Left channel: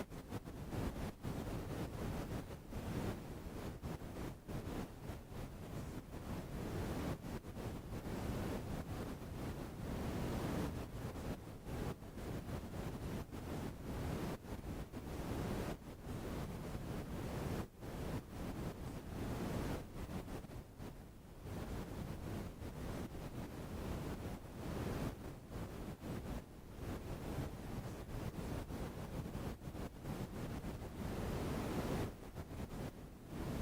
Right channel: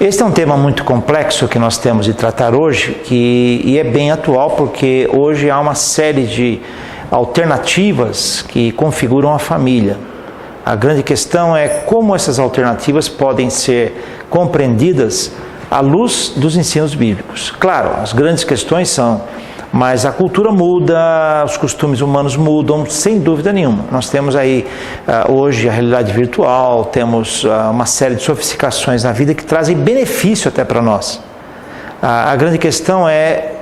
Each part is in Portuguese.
Este é um tema muito complexo que nós temos de tratar hoje e é bem atual porque hoje há uma série de alternativas que configuram a família. A grande questão é como essas alternativas podem ser compreendidas à luz dos ensinos bíblicos. Claro, as grandes questões são, mas a cultura muda, os costumes humanos mudam, sem dúvida nenhuma. Nós temos aí hoje a realidade virtual, temos uma série de sofisticações na vida que trazem benefício até para nós. A grande questão é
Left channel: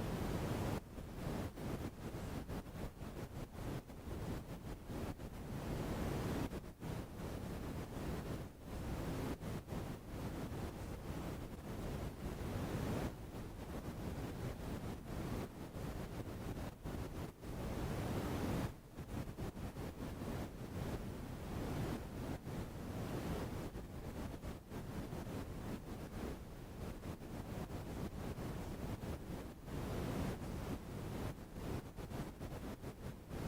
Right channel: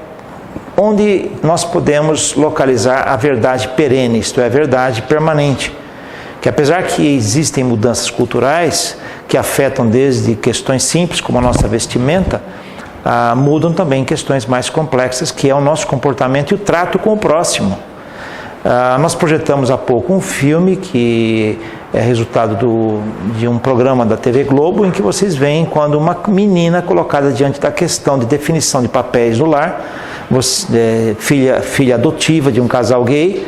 onde nós podemos localizar a verdade perene, isto é, a verdade permanente. Que apesar que existem mudanças culturais que afetam desde questões simples como a nossa vestimenta, mudam também questões mais complexas, que é o nosso comportamento e o trato com o próximo. Nós projetamos há pouco um filme que é resultado de um programa da TV Globo, em que vocês veem quando uma menina colocada diante da questão de definição de papéis no lar, filha adotiva de um casal gay,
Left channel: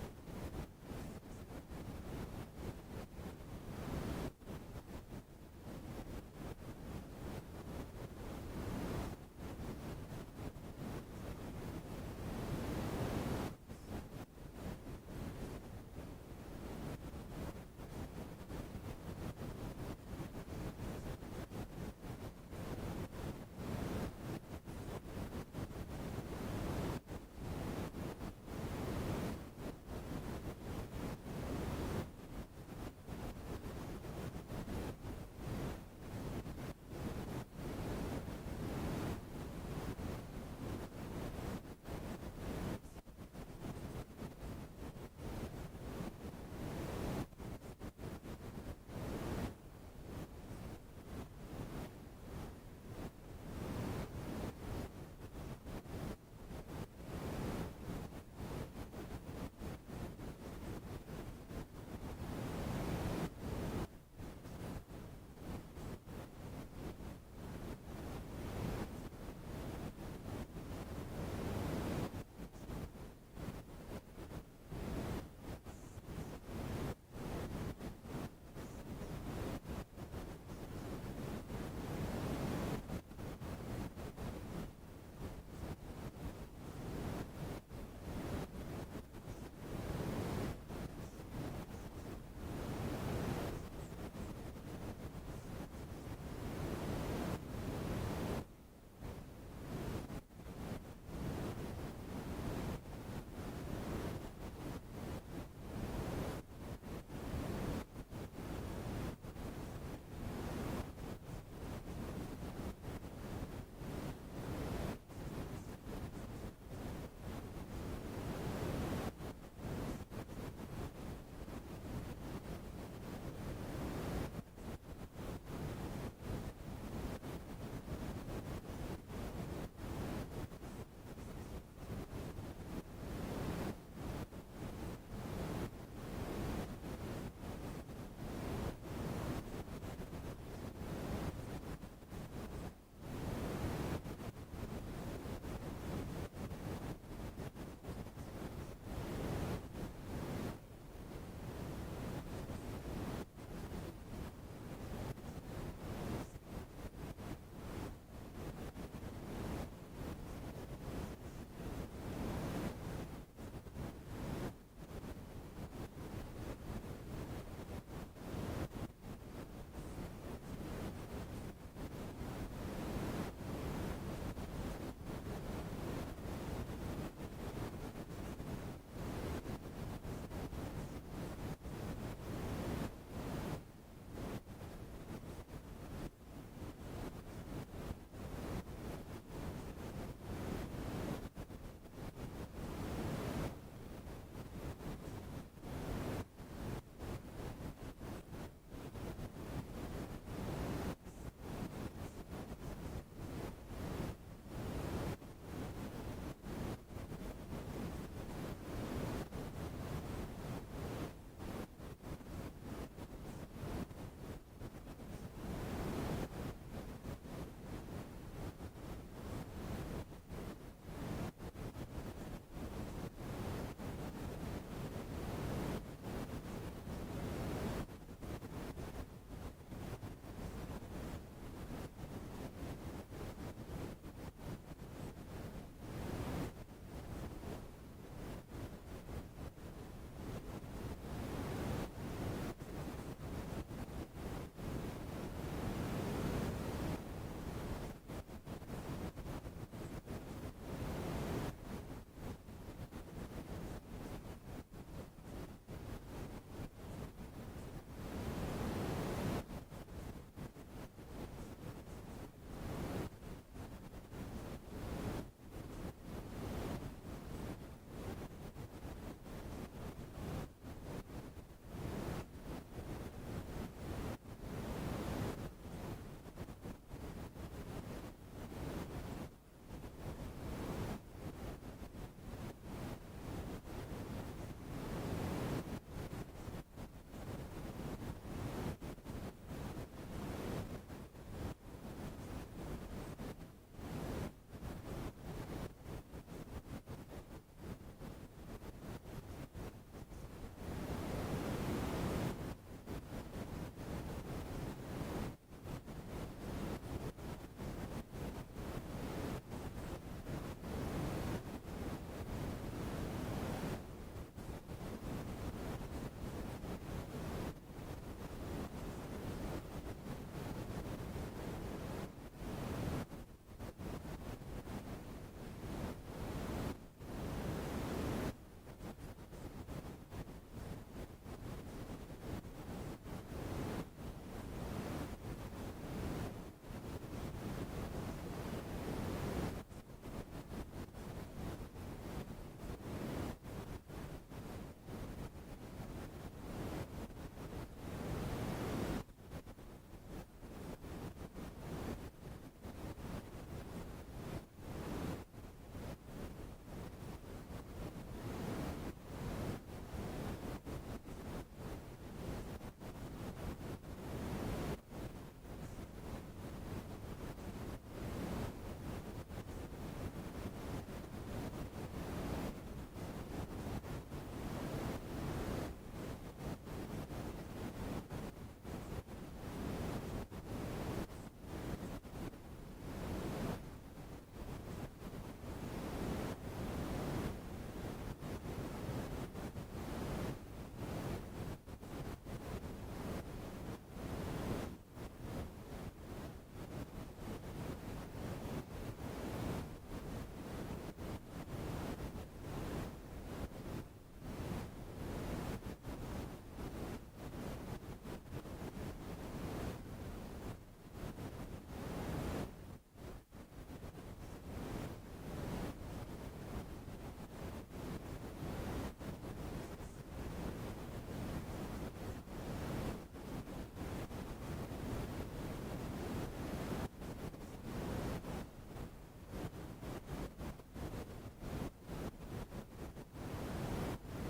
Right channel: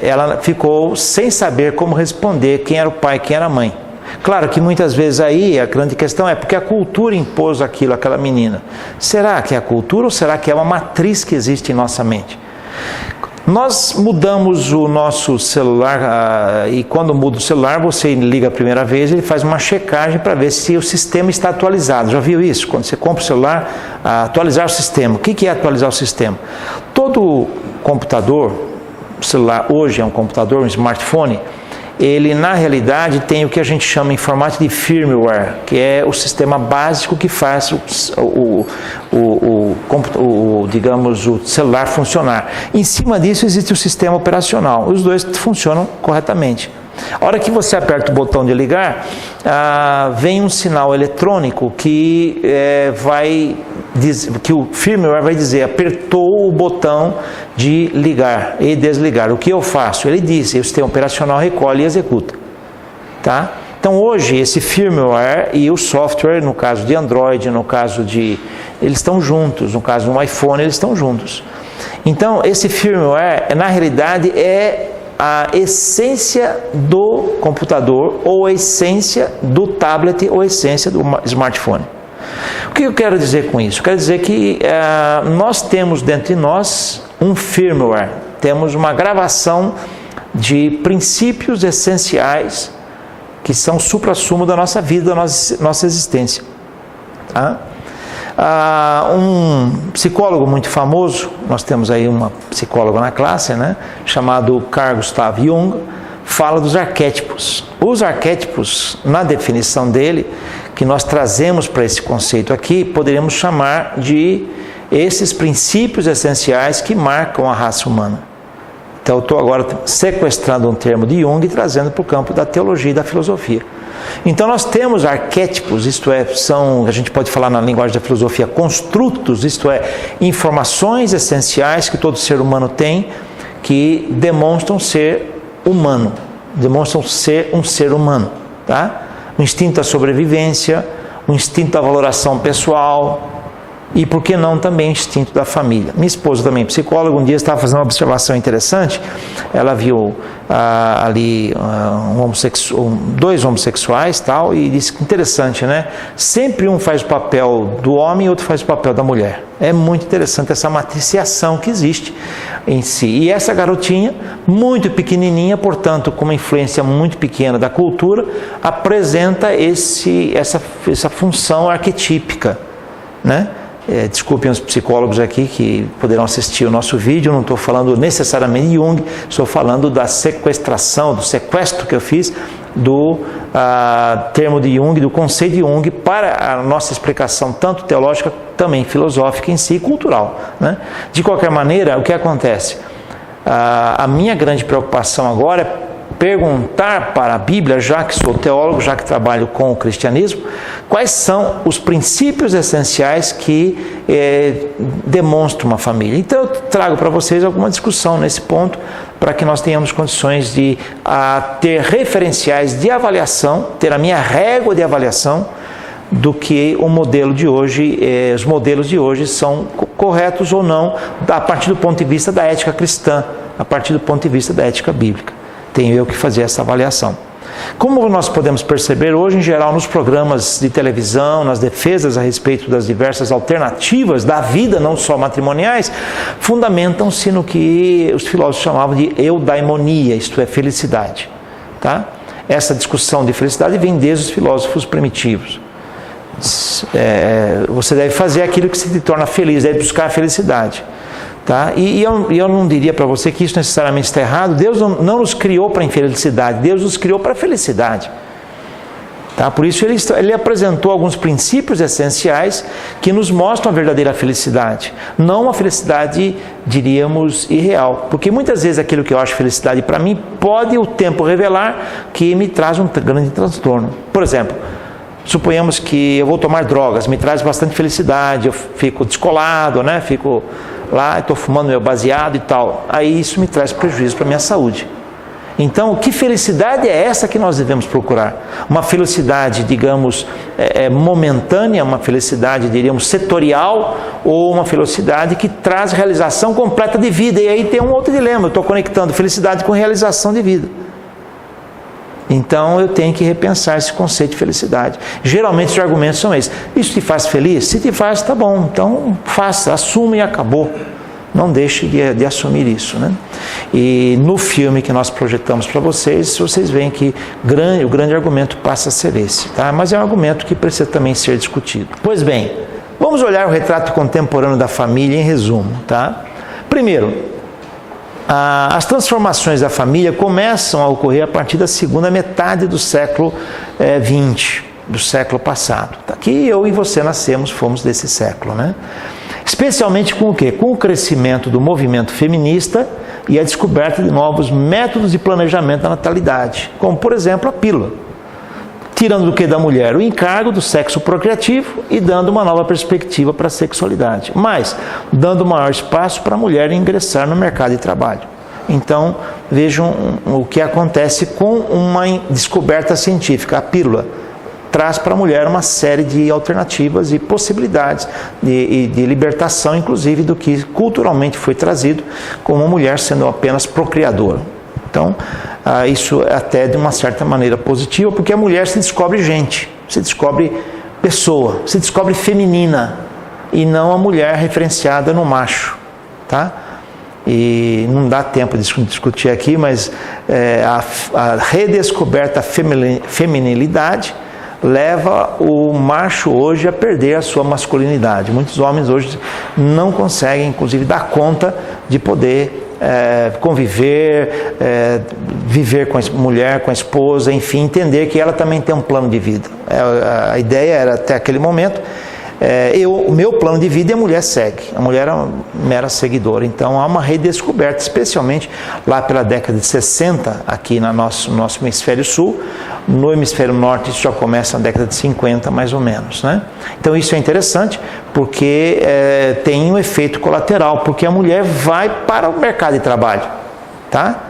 ela ficou sem saber como responder quem era o pai e quem era a mãe. Claro que muitas vezes aí a grande questão é porque a cultura impôs aquilo àquela menina. Será que é a cultura ou será que é uma matriz que existe em nossa mente? Nós mudamos o nosso celular e quando muda o celular, você liga a primeira vez, ele faz uma checagem para ver se o sistema está atualizado. Já viu isso? Quando você compra o celular, atualizar o sistema. O que é atualizar o sistema? Todo computador, o celular hoje é um computador, um smartphone, ele na realidade tem o que a gente chama em formato de firmware, que é o sistema básico que faz digamos, o celular funcionar. Em cima disso existe o sistema operacional, os dois funcionam corretamente. A hora que você aperta o botão de ligar, vem um sinal eletrônico que que o firmware vai dizer, apertou o botão de ligar e desligar. O que eu faço? Ele diz, o sistema operacional recolhe e executa. Tá? Então hoje esse firmware e o software, no caso de Android, no caso de... eles estão juntos, no caso do iPhone eles estão juntos. Então esse firmware, na realidade, é a essência do computador ou a essência do tablet ou a essência do smartphone. O que eu quero dizer com isso? Eu quero dizer que nós temos dentro de nós um firmware, temos uma gravação de princípios essenciais que são o suprassumo da nossa vida, da nossa existência. Tá? Um psicólogo muito famoso, nós temos aí uma psicóloga na classe, né, chamado Carl Gustav Jung, fala dos arquétipos. Os arquétipos, na definição dele, que nós trazemos para esse conceito aqui, poderíamos chamar de esses princípios essenciais que marcam a raça humana. Então eu estou agora sequestrando um termo de Jung e trazendo para o campo da teologia e da filosofia. Então nós temos arquétipos, isto é, a gente pode falar na linguagem da filosofia, construtos, isto é, informações essenciais que todo ser humano tem, que demonstram ser humano, demonstram ser um ser humano, tá? O instinto da sobrevivência, o instinto da valoração pessoal e, por que não, também o instinto da família. Minha esposa também, psicóloga, um dia estava fazendo uma observação interessante, ela viu ali dois homossexuais tal, e disse que interessante, né? Sempre um faz o papel do homem e outro faz o papel da mulher. É muito interessante essa matriciação que existe em si. E essa garotinha, muito pequenininha, portanto, com uma influência muito pequena da cultura, apresenta essa função arquetípica, né? Desculpem os psicólogos aqui que poderão assistir o nosso vídeo, eu não estou falando necessariamente de Jung, estou falando da sequestração, do sequestro que eu fiz do termo de Jung, do conceito de Jung, para a nossa explicação tanto teológica, também filosófica em si e cultural, né? De qualquer maneira, o que acontece? A minha grande preocupação agora é perguntar para a Bíblia, já que sou teólogo, já que trabalho com o cristianismo, quais são os princípios essenciais que demonstram uma família. Então eu trago para vocês alguma discussão nesse ponto, para que nós tenhamos condições de ter referenciais de avaliação, ter a minha régua de avaliação do que o modelo de hoje, os modelos de hoje são corretos ou não, a partir do ponto de vista da ética cristã, a partir do ponto de vista da ética bíblica. Tenho eu que fazer essa avaliação. Como nós podemos perceber hoje, em geral, nos programas de televisão, nas defesas a respeito das diversas alternativas da vida, não só matrimoniais, fundamentam-se no que os filósofos chamavam de eudaimonia, isto é, felicidade. Tá? Essa discussão de felicidade vem desde os filósofos primitivos. Você deve fazer aquilo que se te torna feliz, deve buscar a felicidade. Tá? E eu não diria para você que isso necessariamente está errado. Deus não nos criou para a infelicidade, Deus nos criou para a felicidade. Tá? Por isso ele apresentou alguns princípios essenciais que nos mostram a verdadeira felicidade. Não uma felicidade, diríamos, irreal. Porque muitas vezes aquilo que eu acho felicidade para mim, pode o tempo revelar que me traz um grande transtorno. Por exemplo, suponhamos que eu vou tomar drogas, me traz bastante felicidade, eu fico descolado, né? Fico lá, estou fumando meu baseado e tal. Aí isso me traz prejuízo para a minha saúde. Então, que felicidade é essa que nós devemos procurar? Uma felicidade, digamos, momentânea, uma felicidade, diríamos, setorial, ou uma felicidade que traz realização completa de vida? E aí tem um outro dilema, eu estou conectando felicidade com realização de vida. Então eu tenho que repensar esse conceito de felicidade. Geralmente os argumentos são esses: isso te faz feliz? Se te faz, tá bom, então faça, assuma e acabou. Não deixe de assumir isso, né? E no filme que nós projetamos para vocês veem que o grande argumento passa a ser esse, tá? Mas é um argumento que precisa também ser discutido. Pois bem, vamos olhar o retrato contemporâneo da família em resumo, tá? Primeiro, as transformações da família começam a ocorrer a partir da segunda metade do século XX, do século passado. Que eu e você fomos desse século, né? Especialmente com o quê? Com o crescimento do movimento feminista e a descoberta de novos métodos de planejamento da natalidade, como, por exemplo, a pílula. Tirando do que da mulher o encargo do sexo procriativo e dando uma nova perspectiva para a sexualidade, mas dando maior espaço para a mulher ingressar no mercado de trabalho. Então, vejam o que acontece com uma descoberta científica. A pílula traz para a mulher uma série de alternativas e possibilidades de libertação, inclusive, do que culturalmente foi trazido como uma mulher sendo apenas procriadora. Então, isso é até de uma certa maneira positiva, porque a mulher se descobre gente, se descobre pessoa, se descobre feminina, e não a mulher referenciada no macho, tá? E não dá tempo de discutir aqui, mas a redescoberta feminilidade leva o macho hoje a perder a sua masculinidade. Muitos homens hoje não conseguem, inclusive, dar conta de poder conviver, viver com a mulher, com a esposa, enfim, entender que ela também tem um plano de vida. A ideia era, até aquele momento, o meu plano de vida e a mulher segue. A mulher é uma mera seguidora. Então há uma redescoberta, especialmente lá pela década de 60, aqui no nosso hemisfério sul. No hemisfério norte isso já começa na década de 50, mais ou menos, né? Então isso é interessante porque tem um efeito colateral, porque a mulher vai para o mercado de trabalho, tá?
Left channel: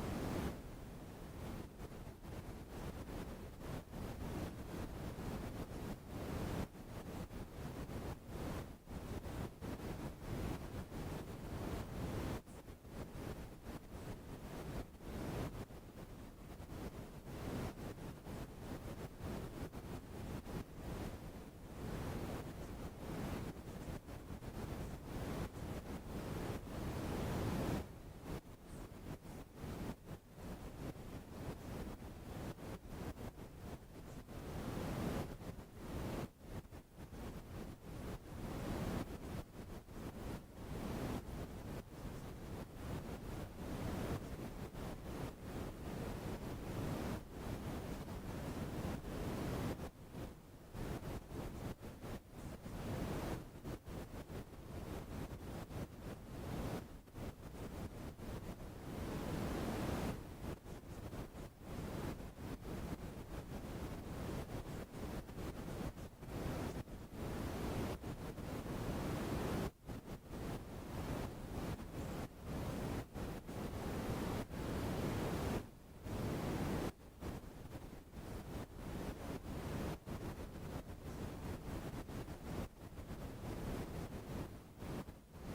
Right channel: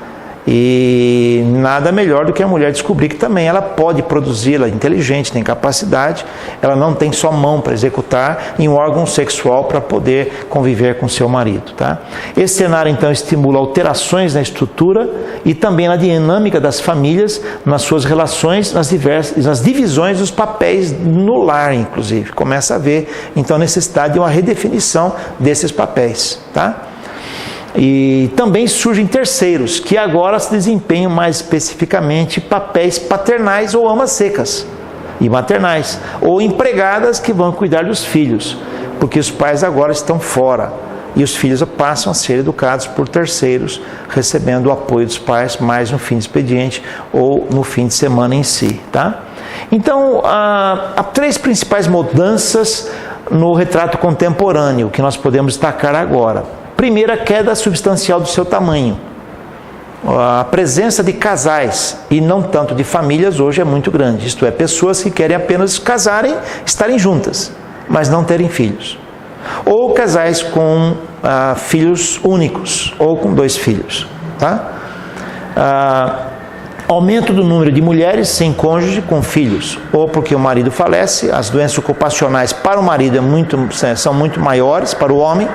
E nada melhor do que a mulher descobrir que também ela pode produzir, ela é inteligente, tem capacidade, ela não tem só mão para executar e um órgão sexual para poder conviver com seu marido, tá? Esse cenário então estimula alterações na estrutura e também na dinâmica das famílias, nas suas relações, nas divisões dos papéis no lar, inclusive. Começa a haver então a necessidade de uma redefinição desses papéis, tá? E também surgem terceiros, que agora se desempenham mais especificamente papéis paternais ou amas secas e maternais, ou empregadas que vão cuidar dos filhos, porque os pais agora estão fora e os filhos passam a ser educados por terceiros, recebendo o apoio dos pais mais no fim de expediente ou no fim de semana em si, tá? Então, há três principais mudanças no retrato contemporâneo que nós podemos destacar agora. Primeiro, a queda substancial do seu tamanho. A presença de casais e não tanto de famílias hoje é muito grande. Isto é, pessoas que querem apenas casarem, estarem juntas, mas não terem filhos. Ou casais com filhos únicos, ou com 2 filhos. Tá? Aumento do número de mulheres sem cônjuge com filhos, ou porque o marido falece, as doenças ocupacionais para o marido são muito maiores para o homem,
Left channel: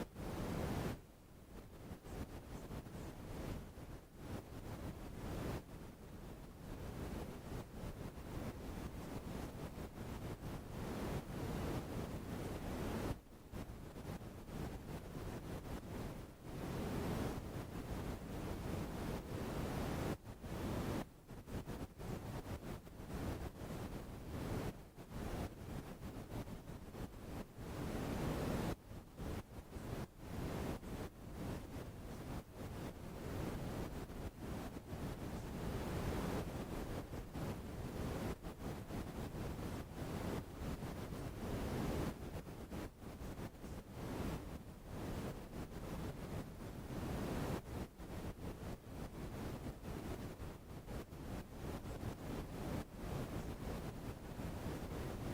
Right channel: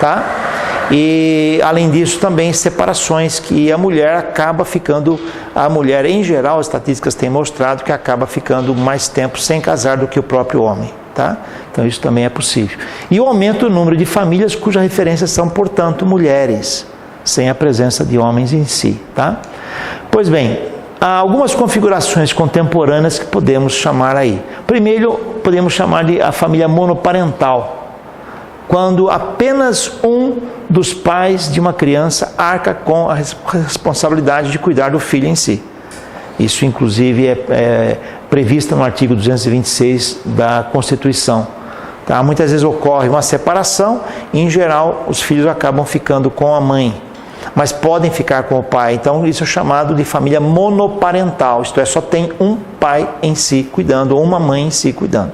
tá? E, além disso, também separações que a mulher acaba ficando, a mulher em geral, as estatísticas têm mostrado que acaba ficando mais tempo sem casar do que o próprio homem, tá? Então isso também é possível. E o aumento do número de famílias cujas referências são, portanto, mulheres, sem a presença de homens em si, tá? Pois bem, há algumas configurações contemporâneas que podemos chamar aí. Primeiro, podemos chamar de a família monoparental, quando apenas um dos pais de uma criança arca com a responsabilidade de cuidar do filho em si. Isso, inclusive, é previsto no artigo 226 da Constituição. Tá? Muitas vezes ocorre uma separação e, em geral, os filhos acabam ficando com a mãe, mas podem ficar com o pai. Então, isso é chamado de família monoparental, isto é, só tem um pai em si cuidando, ou uma mãe em si cuidando.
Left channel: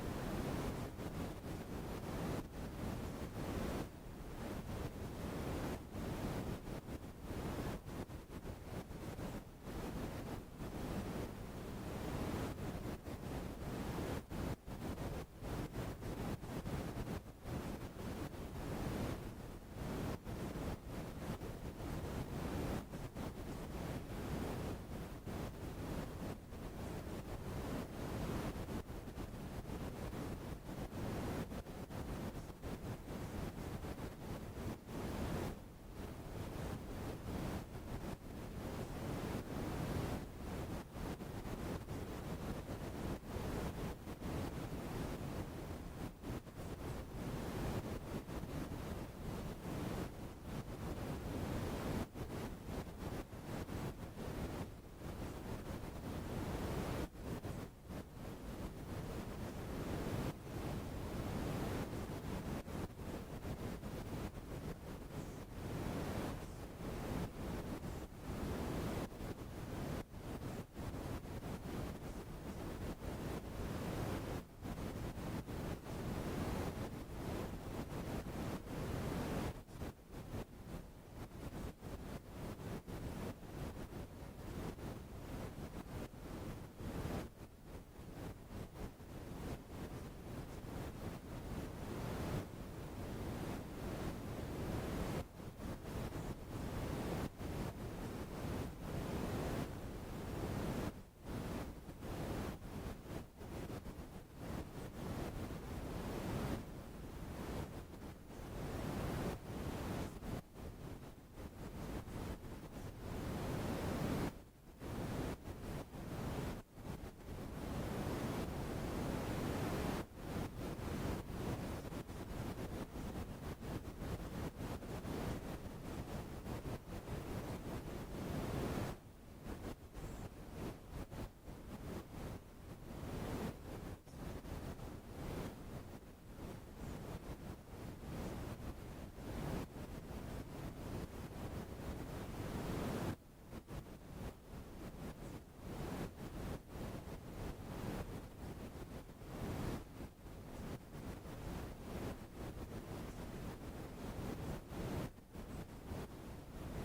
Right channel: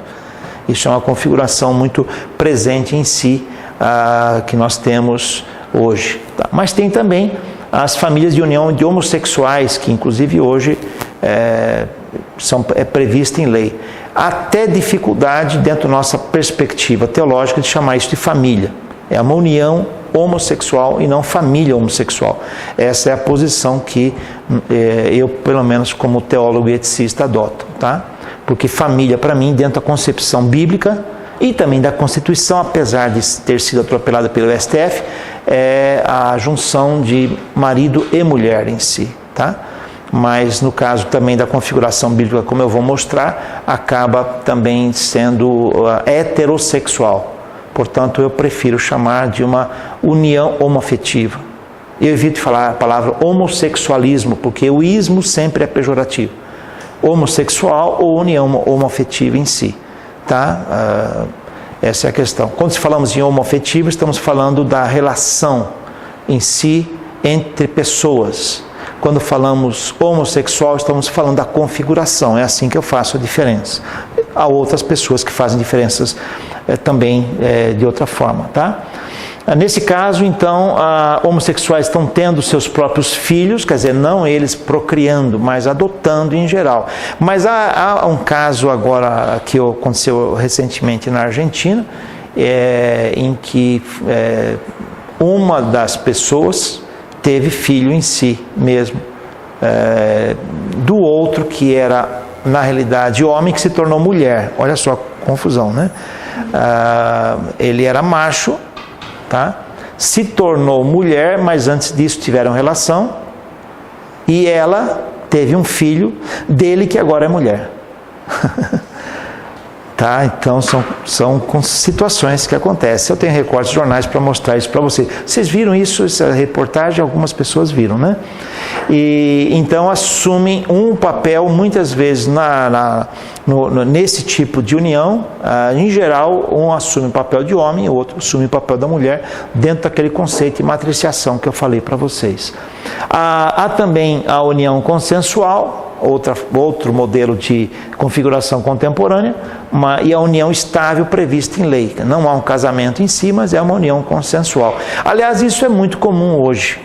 Isso é uma configuração muito presente em si, que nós temos hoje. Tá? Mas tem também as famílias de união de homossexuais, que inclusive hoje é prevista em lei. Há até dificuldade, dentro da nossa perspectiva teológica, de chamar isso de família. É uma união homossexual e não família homossexual. Essa é a posição que eu, pelo menos como teólogo e eticista, adoto, tá? Porque família, para mim, dentro da concepção bíblica e também da Constituição, apesar de ter sido atropelada pelo STF, é a junção de marido e mulher em si, tá? Mas no caso também da configuração bíblica, como eu vou mostrar, acaba também sendo heterossexual. Portanto, eu prefiro chamar de uma união homoafetiva. Eu evito falar a palavra homossexualismo, porque o ismo sempre é pejorativo. Homossexual ou união homoafetiva em si, tá? Essa é a questão. Quando falamos em homoafetivo, estamos falando da relação em si entre pessoas. Quando falamos homossexual, estamos falando da configuração. É assim que eu faço a diferença. Há outras pessoas que fazem diferenças também de outra forma, tá? Nesse caso, então, homossexuais estão tendo seus próprios filhos, quer dizer, não eles procriando, mas adotando em geral. Mas há um caso agora que aconteceu recentemente na Argentina, em que uma das pessoas teve filho em si mesmo, do outro que era, na realidade, homem que se tornou mulher. Olha só a confusão, né? Ele era macho, tá? Se tornou mulher, mas antes disso tiveram relação e ela teve um filho dele que agora é mulher. Tá? Então são situações que acontecem. Eu tenho recortes de jornais para mostrar isso para vocês. Vocês viram isso, essa reportagem? Algumas pessoas viram, né? E então assumem um papel muitas vezes nesse tipo de união. Em geral, um assume o papel de homem, o outro assume o papel da mulher, dentro daquele conceito de matriciação que eu falei para vocês. Há também a união consensual, outro modelo de configuração contemporânea, e a união estável prevista em lei. Não há um casamento em si, mas é uma união consensual. Aliás, isso é muito comum hoje.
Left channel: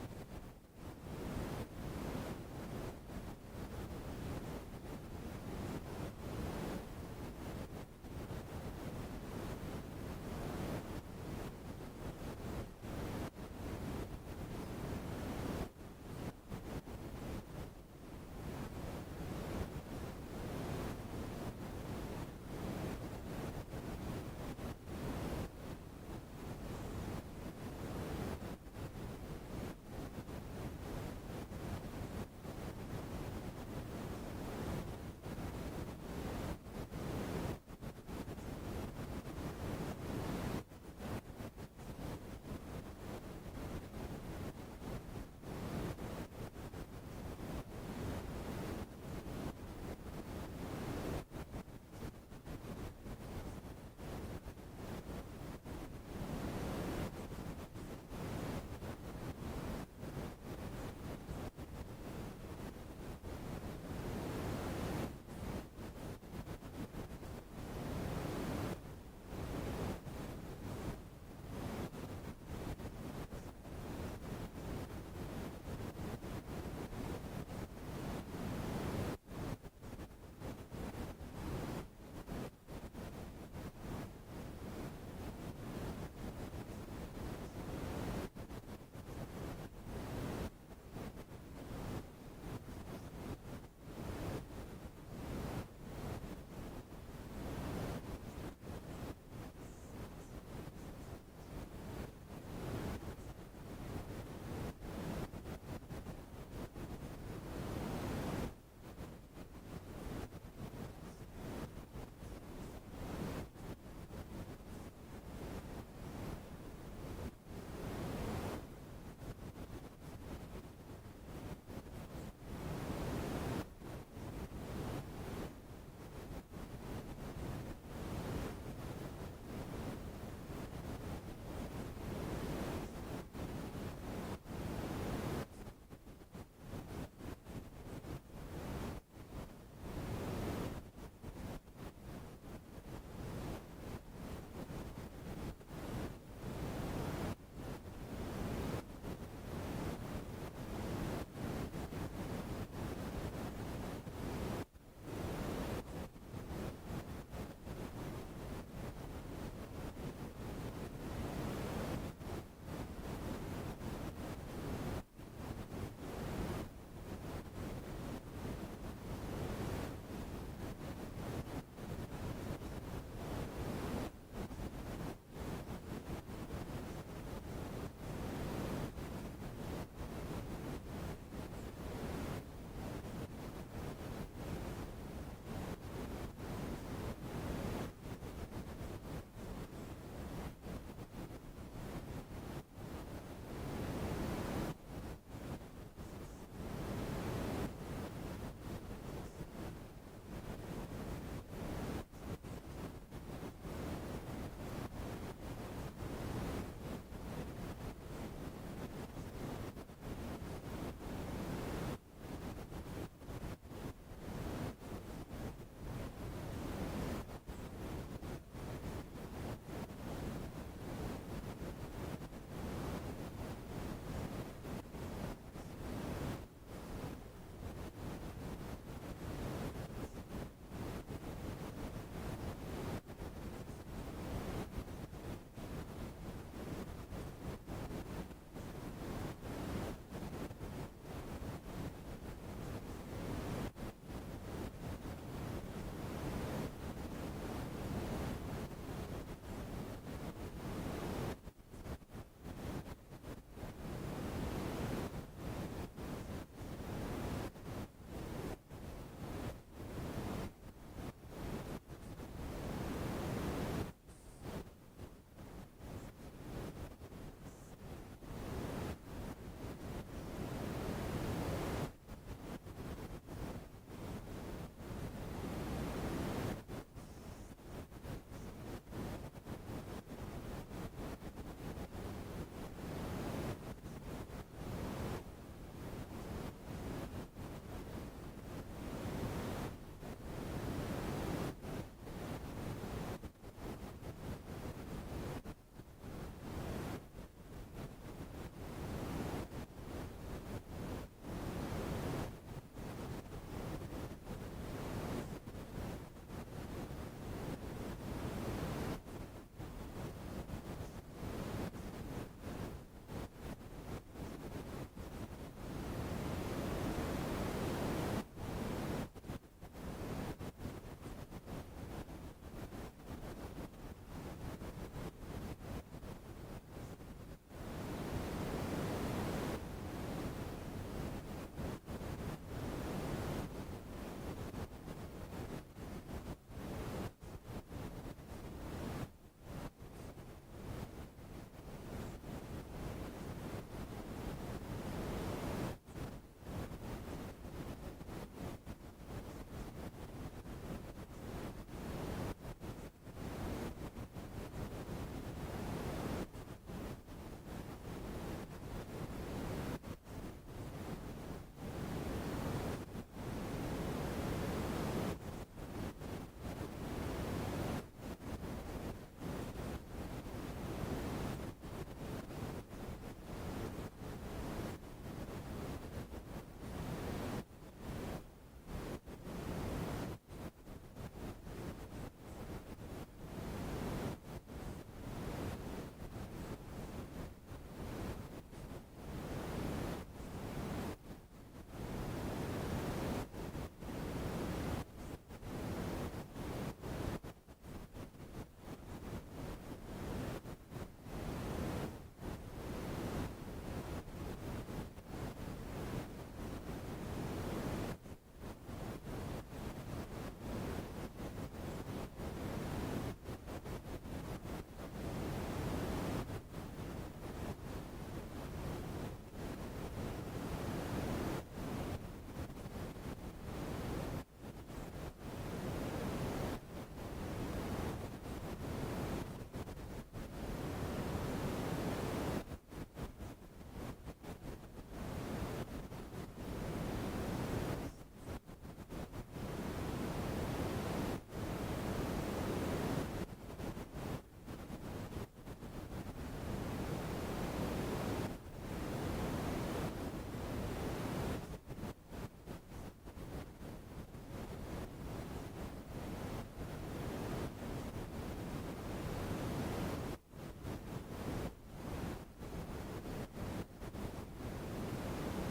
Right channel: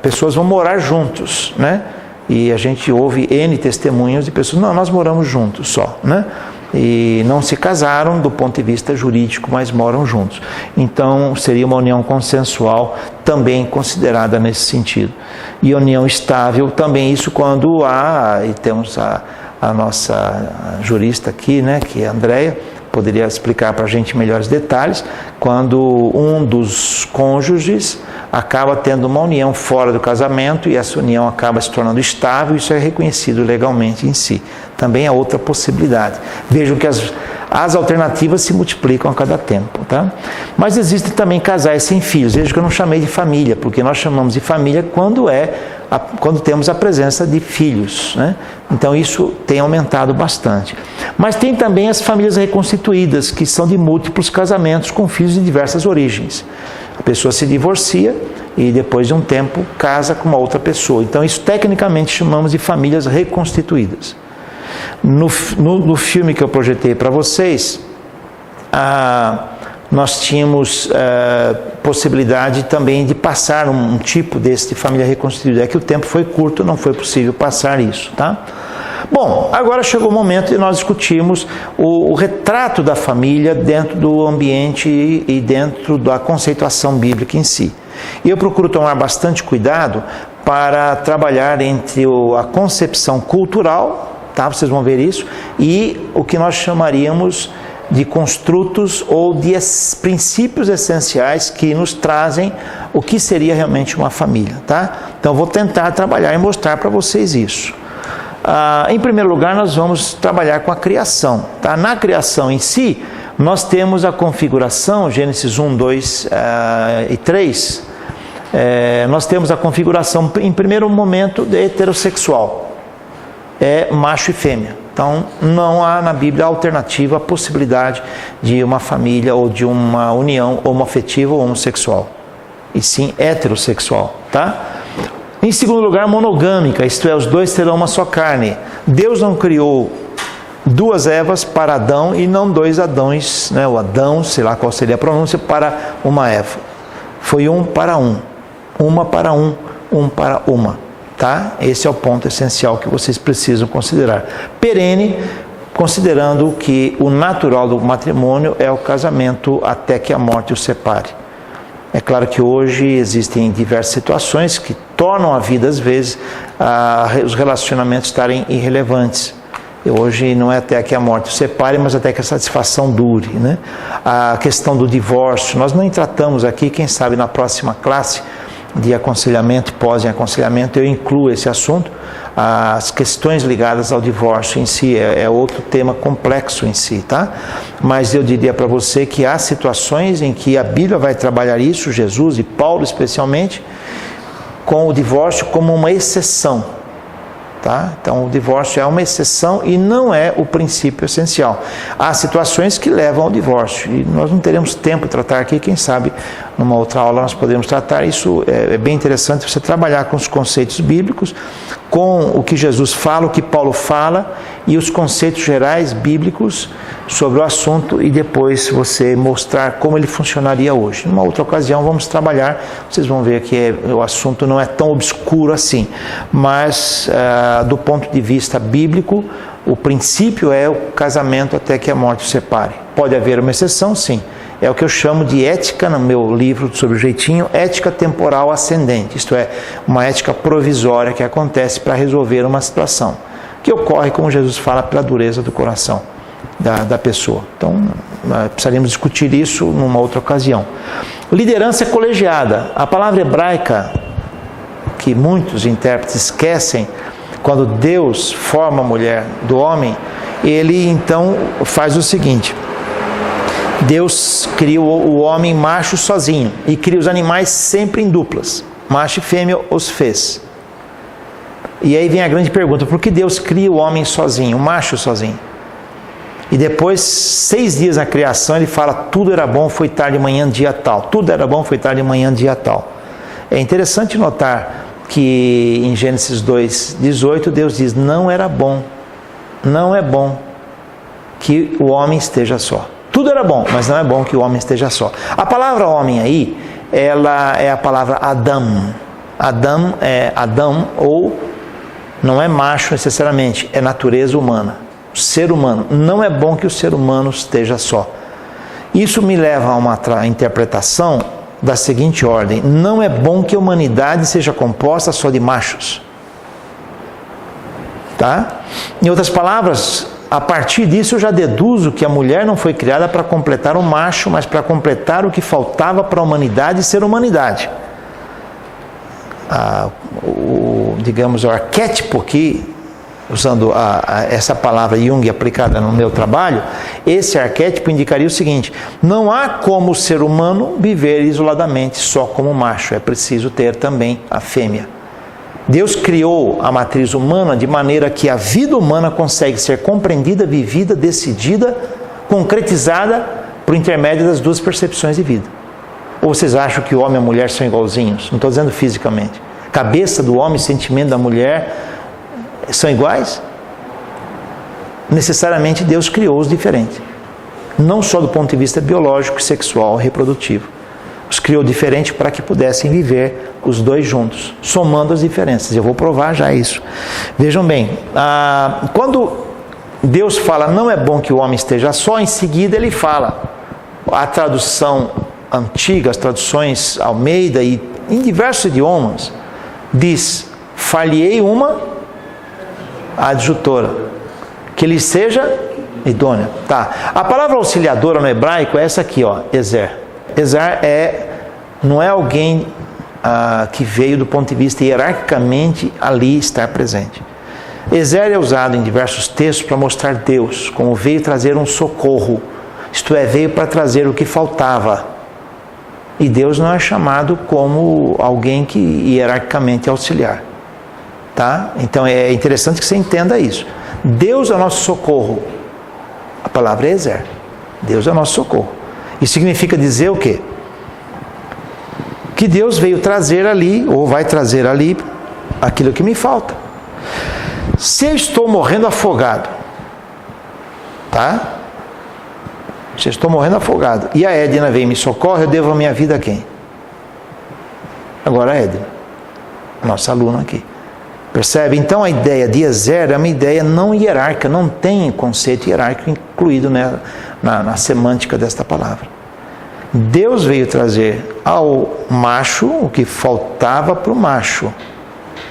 Pessoas vão morar juntos, né? E a gente ouve N testemunhos de pessoas, não, nós moramos juntos só, né? E não se casaram do ponto de vista jurídico, mas moram juntos. Então, seria uma união consensual também considerada nesse sentido. E união estável também, isso quando há, e temos a nossa jurista aqui, né, que é a Andréia, poderia explicar para a gente melhores detalhes, quando um dos cônjuges acaba tendo uma união fora do casamento e essa união acaba se tornando estável, isso é reconhecido legalmente em si. Também é outra possibilidade. Vejam que as alternativas se multiplicam a cada tempo, tá? Mas existem também casais sem filhos. Veja que eu não chamei de família, porque nós chamamos de família quando temos a presença de filhos, né? Então isso tem aumentado bastante. Mas tem também as famílias reconstituídas, que são de múltiplos casamentos com filhos de diversas origens. A pessoa se divorcia e depois de um tempo casa com uma outra pessoa. Então isso tecnicamente chamamos de famílias reconstituídas. No filme que eu projetei para vocês, nós tínhamos possibilidade também de passar um tipo desse de família reconstituída. É que o tempo foi curto, não foi possível passar isso, tá? Bom, agora chegou o momento de nós discutirmos o retrato da família dentro do ambiente e dentro da conceituação bíblica em si. E eu procuro tomar bastante cuidado para trabalhar entre a concepção cultural, tá? Vocês vão ver isso, e o que nós chamaríamos de construtos ou de princípios essenciais que nos trazem o que seria realmente uma família, tá? Então, vou tentar trabalhar e mostrar para vocês isso. Em primeiro lugar, nós vamos trabalhar com a criação, tá? Na criação em si, nós temos a configuração, Gênesis 1, 2 e 3, nós temos a configuração, em primeiro momento, de heterossexual, macho e fêmea. Então, não há na Bíblia alternativa a possibilidade de uma família ou de uma união homoafetiva ou homossexual, e sim heterossexual, tá? Em segundo lugar, monogâmica, isto é, os dois terão uma só carne. Deus não criou duas Evas para Adão e não dois Adãos, né? O Adão, sei lá qual seria a pronúncia, para uma Eva. Foi um para um, uma para um para uma, tá? Esse é o ponto essencial que vocês precisam considerar. Perene, considerando que o natural do matrimônio é o casamento até que a morte os separe. É claro que hoje existem diversas situações que tornam a vida, às vezes, os relacionamentos estarem irrelevantes. E hoje não é até que a morte os separe, mas até que a satisfação dure, né? A questão do divórcio, nós não tratamos aqui, quem sabe na próxima classe de aconselhamento, pós-aconselhamento, eu incluo esse assunto. As questões ligadas ao divórcio em si é outro tema complexo em si, tá? Mas eu diria para você que há situações em que a Bíblia vai trabalhar isso, Jesus e Paulo especialmente, com o divórcio como uma exceção, tá? Então o divórcio é uma exceção e não é o princípio essencial. Há situações que levam ao divórcio e nós não teremos tempo de tratar aqui, quem sabe numa outra aula nós podemos tratar. Isso é bem interessante você trabalhar com os conceitos bíblicos, com o que Jesus fala, o que Paulo fala e os conceitos gerais bíblicos sobre o assunto e depois você mostrar como ele funcionaria hoje. Numa outra ocasião vamos trabalhar, vocês vão ver que o assunto não é tão obscuro assim, mas do ponto de vista bíblico, o princípio é o casamento até que a morte o separe. Pode haver uma exceção, sim. É o que eu chamo de ética, no meu livro sobre o jeitinho, ética temporal ascendente, isto é, uma ética provisória que acontece para resolver uma situação, que ocorre, como Jesus fala, pela dureza do coração da pessoa. Então, precisaríamos discutir isso numa outra ocasião. Liderança colegiada. A palavra hebraica, que muitos intérpretes esquecem, quando Deus forma a mulher do homem, ele então faz o seguinte: Deus cria o homem macho sozinho e cria os animais sempre em duplas. Macho e fêmea os fez. E aí vem a grande pergunta: por que Deus cria o homem sozinho, o macho sozinho? E depois, 6 dias na criação, ele fala: tudo era bom, foi tarde, manhã, dia tal. Tudo era bom, foi tarde, manhã, dia tal. É interessante notar que em Gênesis 2:18, Deus diz: não era bom, não é bom que o homem esteja só. Tudo era bom, mas não é bom que o homem esteja só. A palavra homem aí, ela é a palavra Adam. Adam é Adão, ou não é macho necessariamente, é natureza humana. Ser humano. Não é bom que o ser humano esteja só. Isso me leva a uma interpretação da seguinte ordem: não é bom que a humanidade seja composta só de machos. Tá? Em outras palavras, a partir disso eu já deduzo que a mulher não foi criada para completar o macho, mas para completar o que faltava para a humanidade ser humanidade. Digamos, o arquétipo que, usando essa palavra Jung aplicada no meu trabalho, esse arquétipo indicaria o seguinte: não há como o ser humano viver isoladamente só como macho, é preciso ter também a fêmea. Deus criou a matriz humana de maneira que a vida humana consegue ser compreendida, vivida, decidida, concretizada por intermédio das duas percepções de vida. Ou vocês acham que o homem e a mulher são igualzinhos? Não estou dizendo fisicamente. Cabeça do homem e sentimento da mulher são iguais? Necessariamente Deus criou-os diferentes. Não só do ponto de vista biológico, sexual, reprodutivo. Os criou diferente para que pudessem viver os dois juntos, somando as diferenças. Eu vou provar já isso. Vejam bem, quando Deus fala não é bom que o homem esteja só, em seguida ele fala, a tradução antiga, as traduções Almeida e em diversos idiomas, diz: far-lhe-ei uma adjutora, que lhe seja idônea. Tá. A palavra auxiliadora no hebraico é essa aqui, ó, Ezer. Ezer não é alguém que veio do ponto de vista hierarquicamente ali estar presente. Ezer é usado em diversos textos para mostrar Deus como veio trazer um socorro, isto é, veio para trazer o que faltava. E Deus não é chamado como alguém que hierarquicamente é auxiliar. Tá? Então é interessante que você entenda isso. Deus é o nosso socorro. A palavra é Ezer. Deus é o nosso socorro. Isso significa dizer o quê? Que Deus veio trazer ali, ou vai trazer ali, aquilo que me falta. Se eu estou morrendo afogado, tá? Se eu estou morrendo afogado, e a Edna vem e me socorre, eu devo a minha vida a quem? Agora a Edna, nossa aluna aqui. Percebe? Então a ideia de Ezer é uma ideia não hierárquica, não tem conceito hierárquico incluído na semântica desta palavra. Deus veio trazer ao macho o que faltava para o macho,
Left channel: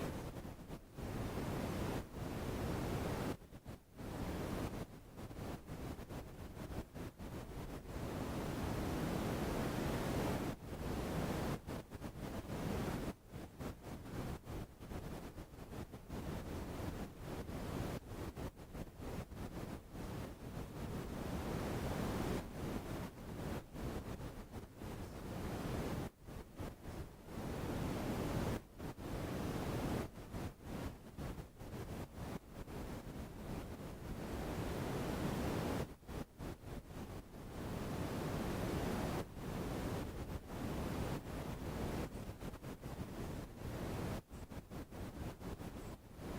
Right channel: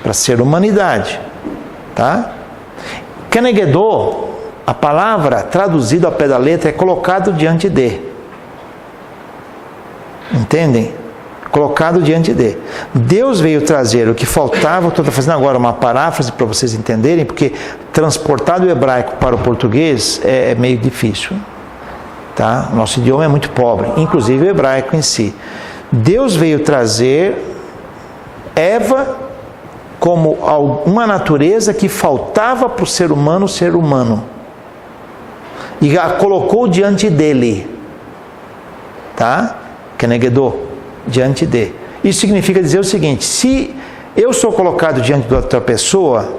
para ser humanidade. Tá? Kenegedô, a palavra traduzida ao pé da letra é colocado diante de. Entendem? Colocado diante de. Deus veio trazer o que faltava. Estou fazendo agora uma paráfrase para vocês entenderem, porque transportar do hebraico para o português é meio difícil. Tá? Nosso idioma é muito pobre, inclusive o hebraico em si. Deus veio trazer Eva como uma natureza que faltava para o ser humano ser humano. E a colocou diante dele. Tá? Kenegedô, diante de. Isso significa dizer o seguinte: se eu sou colocado diante de outra pessoa,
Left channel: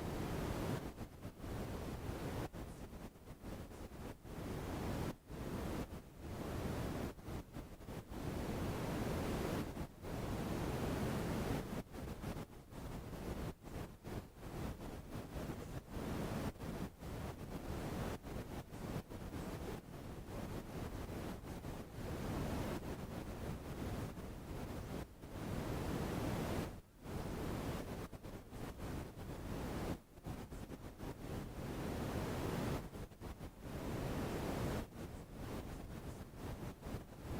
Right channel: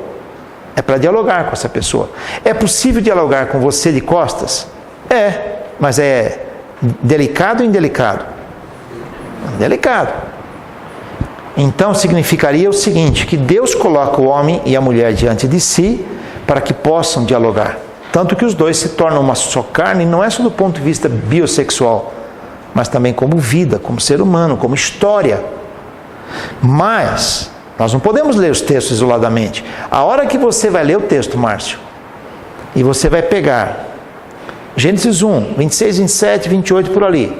é para dialogar com essa pessoa. É possível dialogar com você de costas? É, mas é delicado ou indelicado? Delicado. Então significaria o seguinte, que Deus coloca o homem e a mulher diante de si para que possam dialogar. Tanto que os dois se tornam uma só carne, não é só do ponto de vista biosexual, mas também como vida, como ser humano, como história. Mas nós não podemos ler os textos isoladamente. A hora que você vai ler o texto, Márcio, e você vai pegar Gênesis 1, 26, 27, 28, por ali.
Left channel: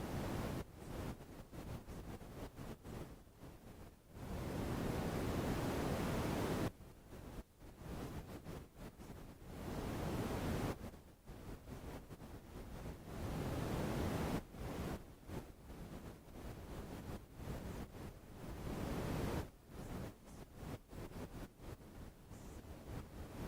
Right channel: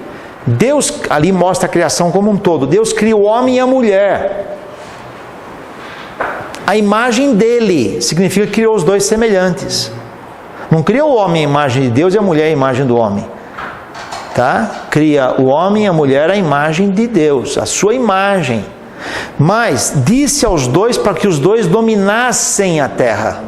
Deus ali mostra a criação como um todo. Deus cria o homem e a mulher. A imagem dele significa que criou os dois semelhantes. Não criou o homem a imagem de Deus e a mulher a imagem do homem. Tá? Cria o homem e a mulher a imagem de Deus, a sua imagem. Mas disse aos dois para que os dois dominassem a terra.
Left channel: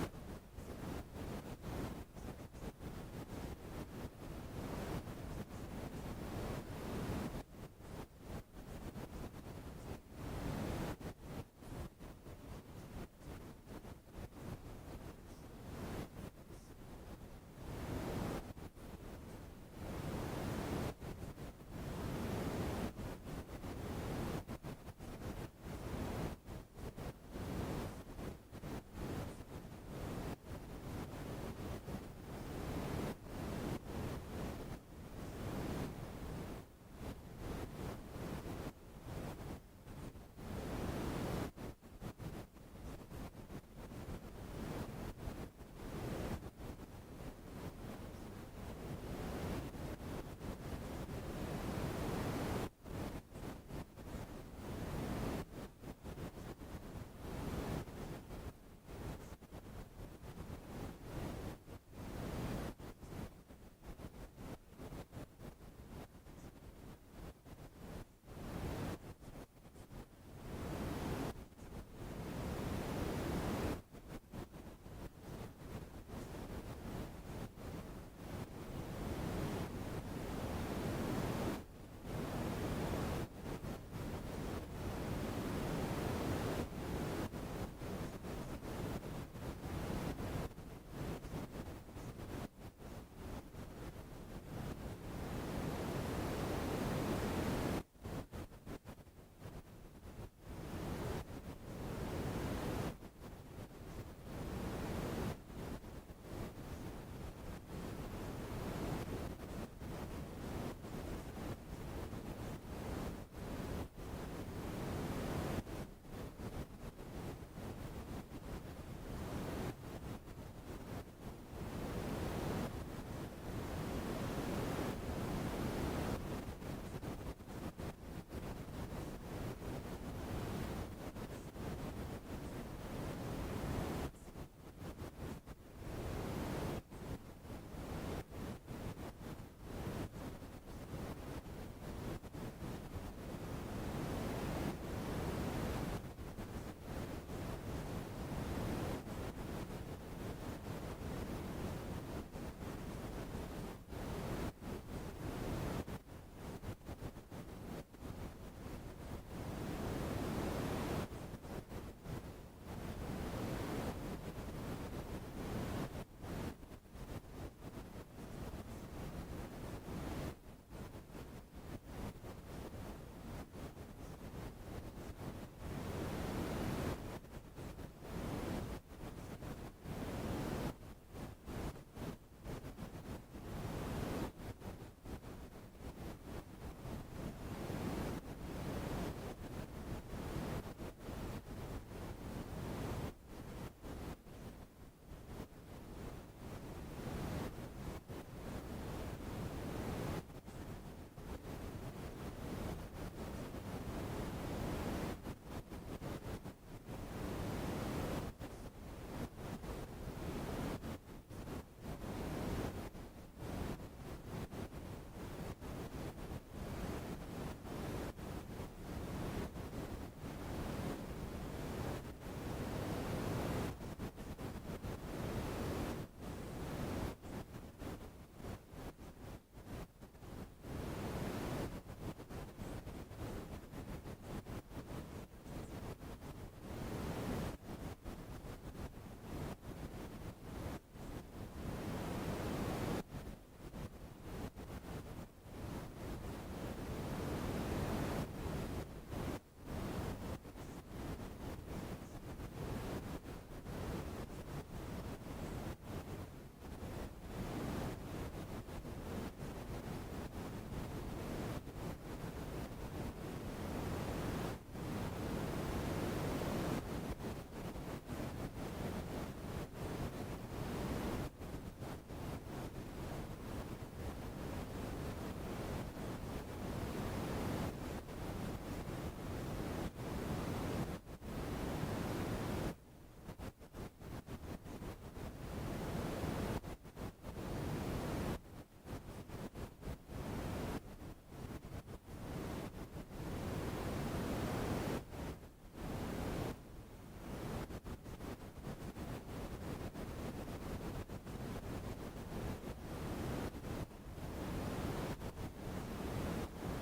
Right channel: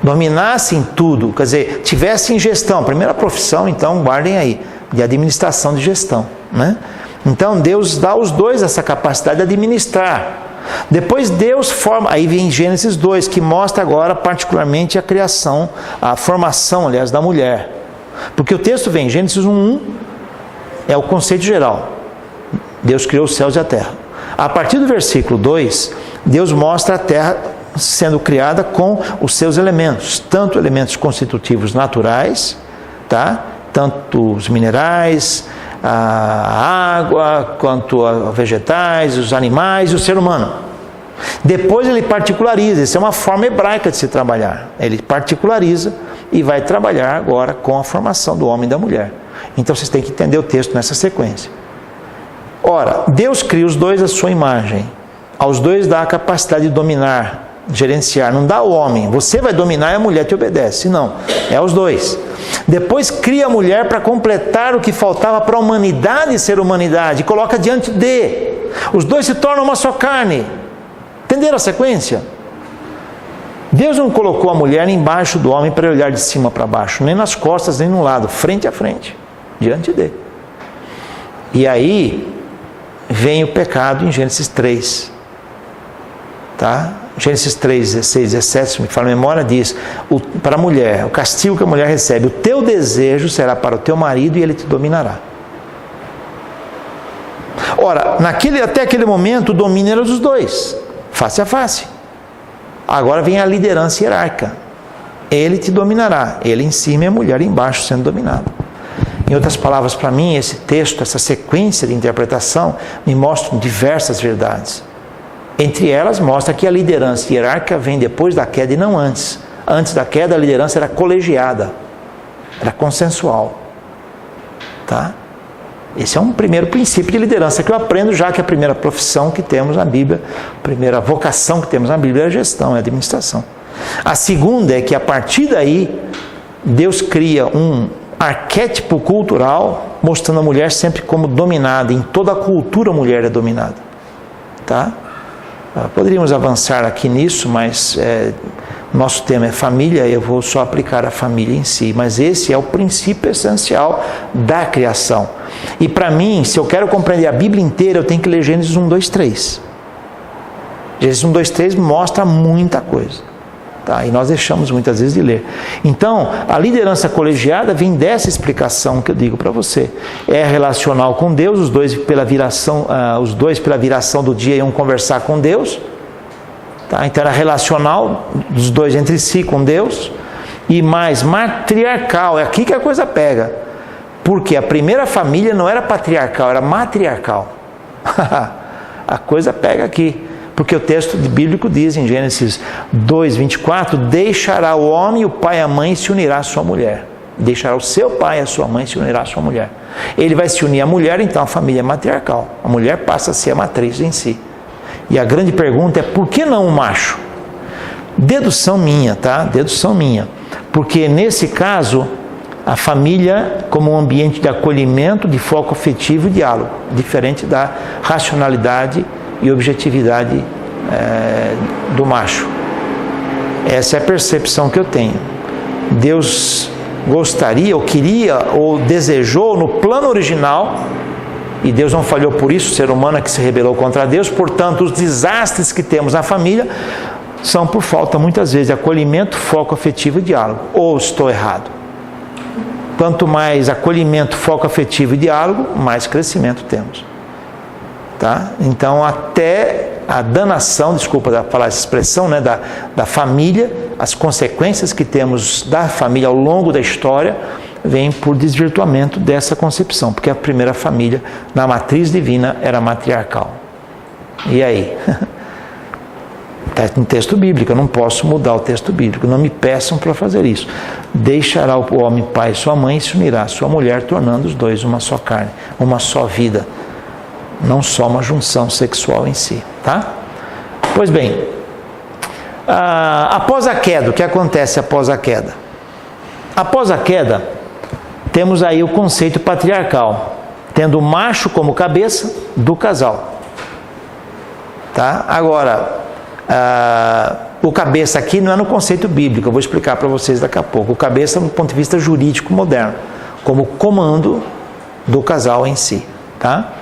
Dominassem tudo, quer dizer, tivessem gestão. Primeira profissão, então, guardem aí, de administração de gestão, né? Então, Deus dá aos dois essa capacidade de administrar. Depois Deus forma, aí vem Gênesis 2, que mostra agora particularmente a criação, a formação, aliás, da mulher. Porque o texto vem, Gênesis 1, é o conceito geral. Deus criou os céus e a terra. A partir do versículo 2, Deus mostra a terra sendo criada com os seus elementos, tanto elementos constitutivos naturais, tá? Tanto os minerais, a água, quanto a vegetais, os animais e o ser humano. Depois ele particulariza, isso é uma forma hebraica de se trabalhar. Ele particulariza e vai trabalhar agora com a formação do homem e da mulher. Então vocês têm que entender o texto nessa sequência. Ora, Deus cria os dois à sua imagem. Aos dois dá a capacidade de dominar, gerenciar. Não dá ao homem, você vai dominar e a mulher te obedece. Não, é aos dois. Depois cria a mulher para completar o que faltava para a humanidade ser humanidade. E coloca diante de. Os dois se tornam uma só carne. Entenderam a sequência? Deus não colocou a mulher embaixo do homem para olhar de cima para baixo, nem nas costas, nem no lado, frente a frente, diante dele. E aí vem o pecado em Gênesis 3. Tá? Gênesis 3, 16, 17, se me fala a memória, diz, para a mulher, o castigo que a mulher recebe, o teu desejo será para o teu marido e ele te dominará. Ora, até aquele momento o domínio era dos dois, face a face. Agora vem a liderança hierárquica. Ele te dominará, ele em cima e a mulher embaixo sendo dominada. Em outras palavras, para mim, esse texto, essa sequência de interpretação, me mostra diversas verdades. Entre elas, mostra que a liderança hierárquica vem depois da queda e não antes. Antes da queda, a liderança era colegiada, era consensual. Tá? Esse é um primeiro princípio de liderança que eu aprendo, já que a primeira profissão que temos na Bíblia, a primeira vocação que temos na Bíblia é a gestão, é a administração. A segunda é que a partir daí, Deus cria um arquétipo cultural, mostrando a mulher sempre como dominada. Em toda a cultura a mulher é dominada. Tá? Poderíamos avançar aqui nisso, mas nosso tema é família, eu vou só aplicar a família em si. Mas esse é o princípio essencial da criação. E para mim, se eu quero compreender a Bíblia inteira, eu tenho que ler Gênesis 1, 2, 3. Gênesis 1, 2, 3 mostra muita coisa. Tá? E nós deixamos muitas vezes de ler. Então, a liderança colegiada vem dessa explicação que eu digo para você. É relacional com Deus, os dois pela viração do dia iam conversar com Deus. Tá? Então era relacional dos dois entre si com Deus. E mais matriarcal, é aqui que a coisa pega. Porque a primeira família não era patriarcal, era matriarcal. A coisa pega aqui. Porque o texto bíblico diz em Gênesis 2, 24, deixará o homem, o pai e a mãe e se unirá à sua mulher. Deixará o seu pai e a sua mãe e se unirá à sua mulher. Ele vai se unir à mulher, então a família é matriarcal. A mulher passa a ser a matriz em si. E a grande pergunta é, por que não o macho? Dedução minha, tá? Dedução minha. Porque nesse caso, a família como um ambiente de acolhimento, de foco afetivo e diálogo. Diferente da racionalidade e objetividade do macho. Essa é a percepção que eu tenho. Deus gostaria, ou queria, ou desejou no plano original, e Deus não falhou por isso, o ser humano é que se rebelou contra Deus, portanto os desastres que temos na família são por falta muitas vezes de acolhimento, foco afetivo e diálogo. Ou estou errado? Quanto mais acolhimento, foco afetivo e diálogo, mais crescimento temos. Tá? Então, até a danação, desculpa falar essa expressão, né, da família, as consequências que temos da família ao longo da história, vêm por desvirtuamento dessa concepção, porque a primeira família, na matriz divina, era matriarcal. E aí? Está no texto bíblico, eu não posso mudar o texto bíblico, não me peçam para fazer isso. Deixará o homem pai e sua mãe e se unirá à sua mulher, tornando os dois uma só carne, uma só vida. Não só uma junção sexual em si, tá? Pois bem, após a queda, o que acontece após a queda? Após a queda, temos aí o conceito patriarcal, tendo o macho como cabeça do casal. Tá? Agora, o cabeça aqui não é no conceito bíblico, eu vou explicar para vocês daqui a pouco. O cabeça do ponto de vista jurídico moderno, como comando do casal em si, tá?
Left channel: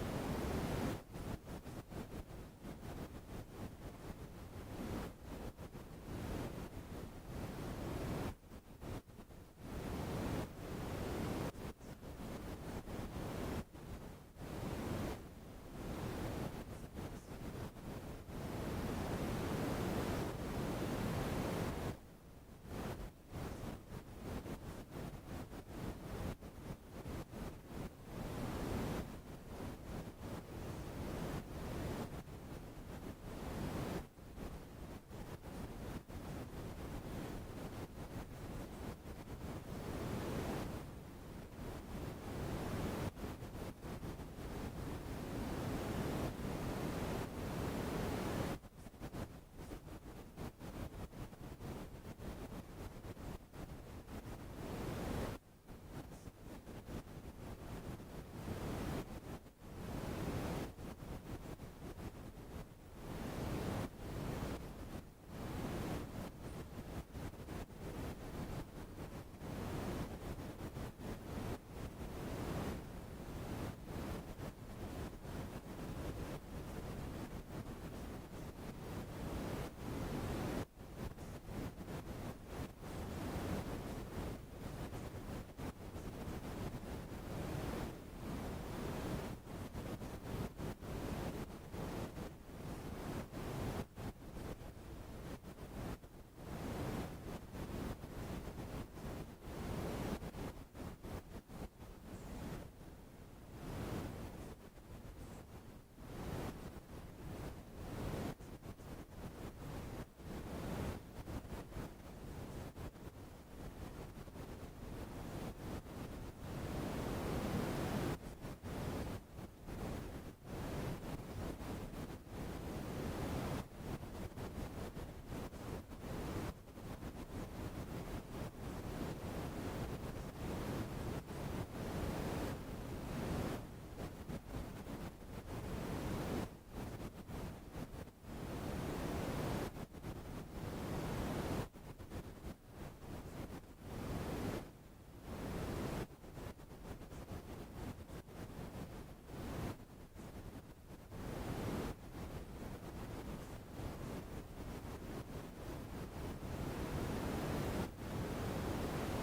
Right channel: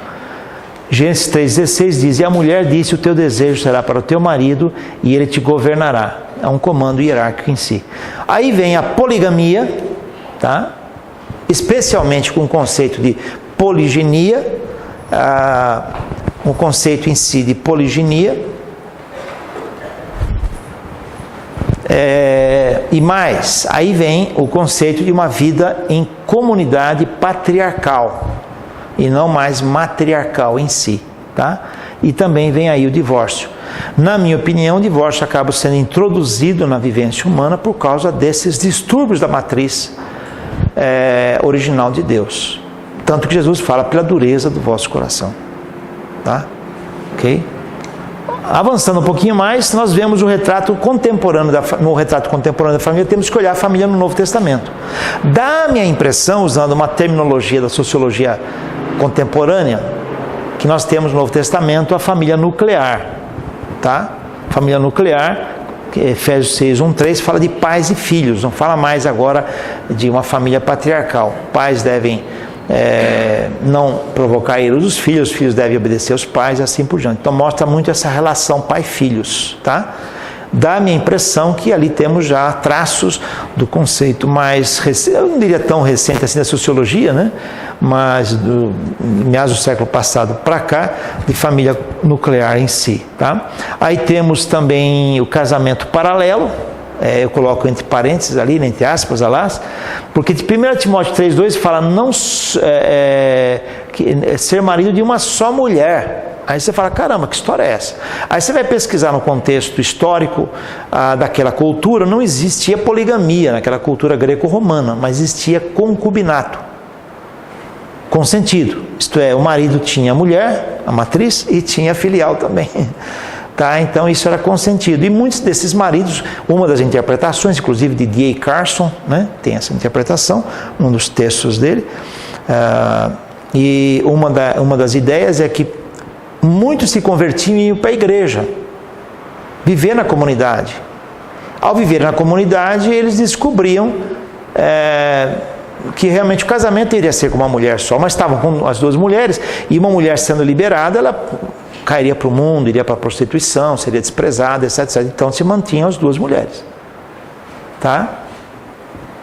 Gênesis 3,16 diz, e a mulher disse, o teu desejo será para o teu marido e ele te governará. É um comando hierárquico em si. Aí vem a poligamia, tá? Especialmente com o conceito de poliginia, um conceito em si de poliginia. E mais, aí vem o conceito de uma vida em comunidade patriarcal. E não mais matriarcal em si, tá? E também vem aí o divórcio. Na minha opinião, o divórcio acaba sendo introduzido na vivência humana por causa desses distúrbios da matriz original de Deus. Tanto que Jesus fala pela dureza do vosso coração, tá? Ok? Avançando um pouquinho mais, nós vemos o retrato contemporâneo no retrato contemporâneo da família, temos que olhar a família no Novo Testamento. Dá-me a impressão, usando uma terminologia da sociologia contemporânea, que nós temos no Novo Testamento a família nuclear, tá? Família nuclear, que Efésios 6, 1, 3 fala de pais e filhos, não fala mais agora de uma família patriarcal. Pais devem não provocar erros dos filhos, os filhos devem obedecer aos pais e assim por diante. Então mostra muito essa relação pai-filhos, tá? Dá-me a impressão que ali temos já traços do conceito mais recente, eu não diria tão recente assim da sociologia, né? Mas do meados do século passado para cá, de família nuclear em si, tá? Aí temos também o casamento paralelo, eu coloco entre parênteses ali, entre aspas, alas, porque de 1 Timóteo 3,2 fala não, ser marido de uma só mulher. Aí você fala, caramba, que história é essa? Aí você vai pesquisar no contexto histórico daquela cultura, não existia poligamia naquela cultura greco-romana, mas existia concubinato, consentido. Isto é, o marido tinha a mulher, a matriz, e tinha a filial também. Tá? Então isso era consentido. E muitos desses maridos, uma das interpretações, inclusive de D.A. Carson, né, tem essa interpretação, um dos textos dele, e uma das ideias é que muitos se convertiam e iam para a igreja, viver na comunidade. Ao viver na comunidade, eles descobriam que realmente o casamento iria ser com uma mulher só, mas estavam com as duas mulheres, e uma mulher sendo liberada, ela cairia para o mundo, iria para a prostituição, seria desprezada, etc, etc. Então se mantinham as duas mulheres. Tá?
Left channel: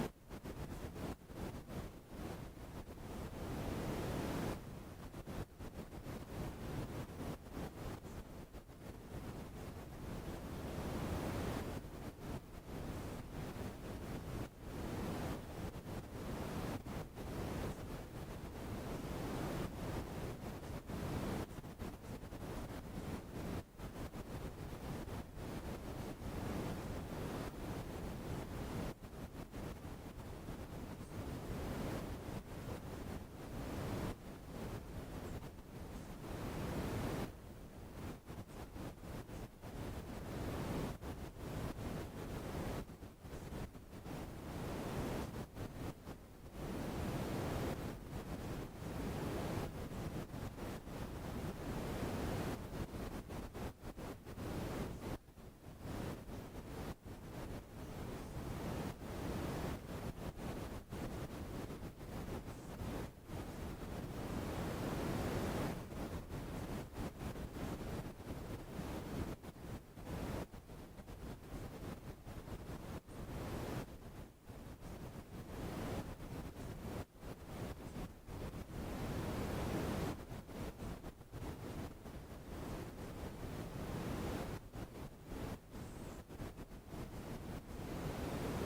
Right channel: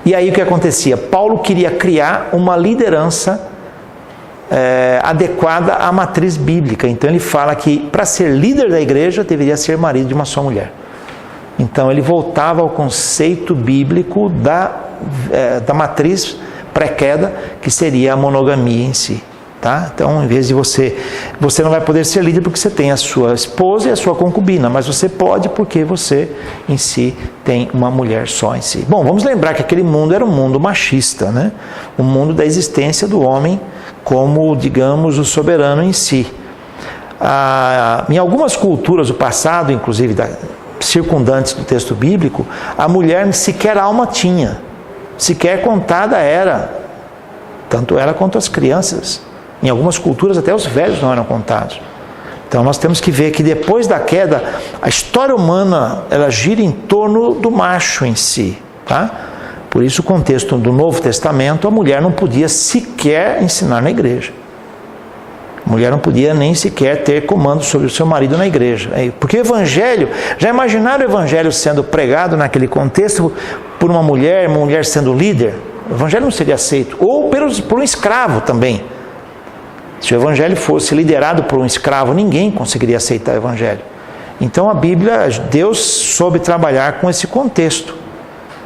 E aí o que acontecia? Paulo queria criar uma liderança adequada à matriz bíblica. Então ele fala que para ser líder da igreja deveria ser marido de uma só mulher. Então ele voltava ao conceito bíblico da matriz pré-queda, que seria a monogamia em si. Tá? Então, em vez de você não vai poder ser líder porque você tem a sua esposa e a sua concubina, mas você pode porque você em si tem uma mulher só em si. Bom, vamos lembrar que aquele mundo era um mundo machista, né? O mundo da existência do homem como, digamos, o soberano em si. Em algumas culturas do passado, inclusive circundantes do texto bíblico, a mulher sequer alma tinha, sequer contada era, tanto ela quanto as crianças. Em algumas culturas até os velhos não eram contados. Então nós temos que ver que depois da queda, a história humana ela gira em torno do macho em si. Tá? Por isso o contexto do Novo Testamento, a mulher não podia sequer ensinar na igreja. A mulher não podia nem sequer ter comando sobre o seu marido na igreja. Porque o evangelho, já imaginaram o evangelho sendo pregado naquele contexto por uma mulher sendo líder? O evangelho não seria aceito. Ou por um escravo também. Se o evangelho fosse liderado por um escravo, ninguém conseguiria aceitar o evangelho. Então a Bíblia, Deus soube trabalhar com esse contexto.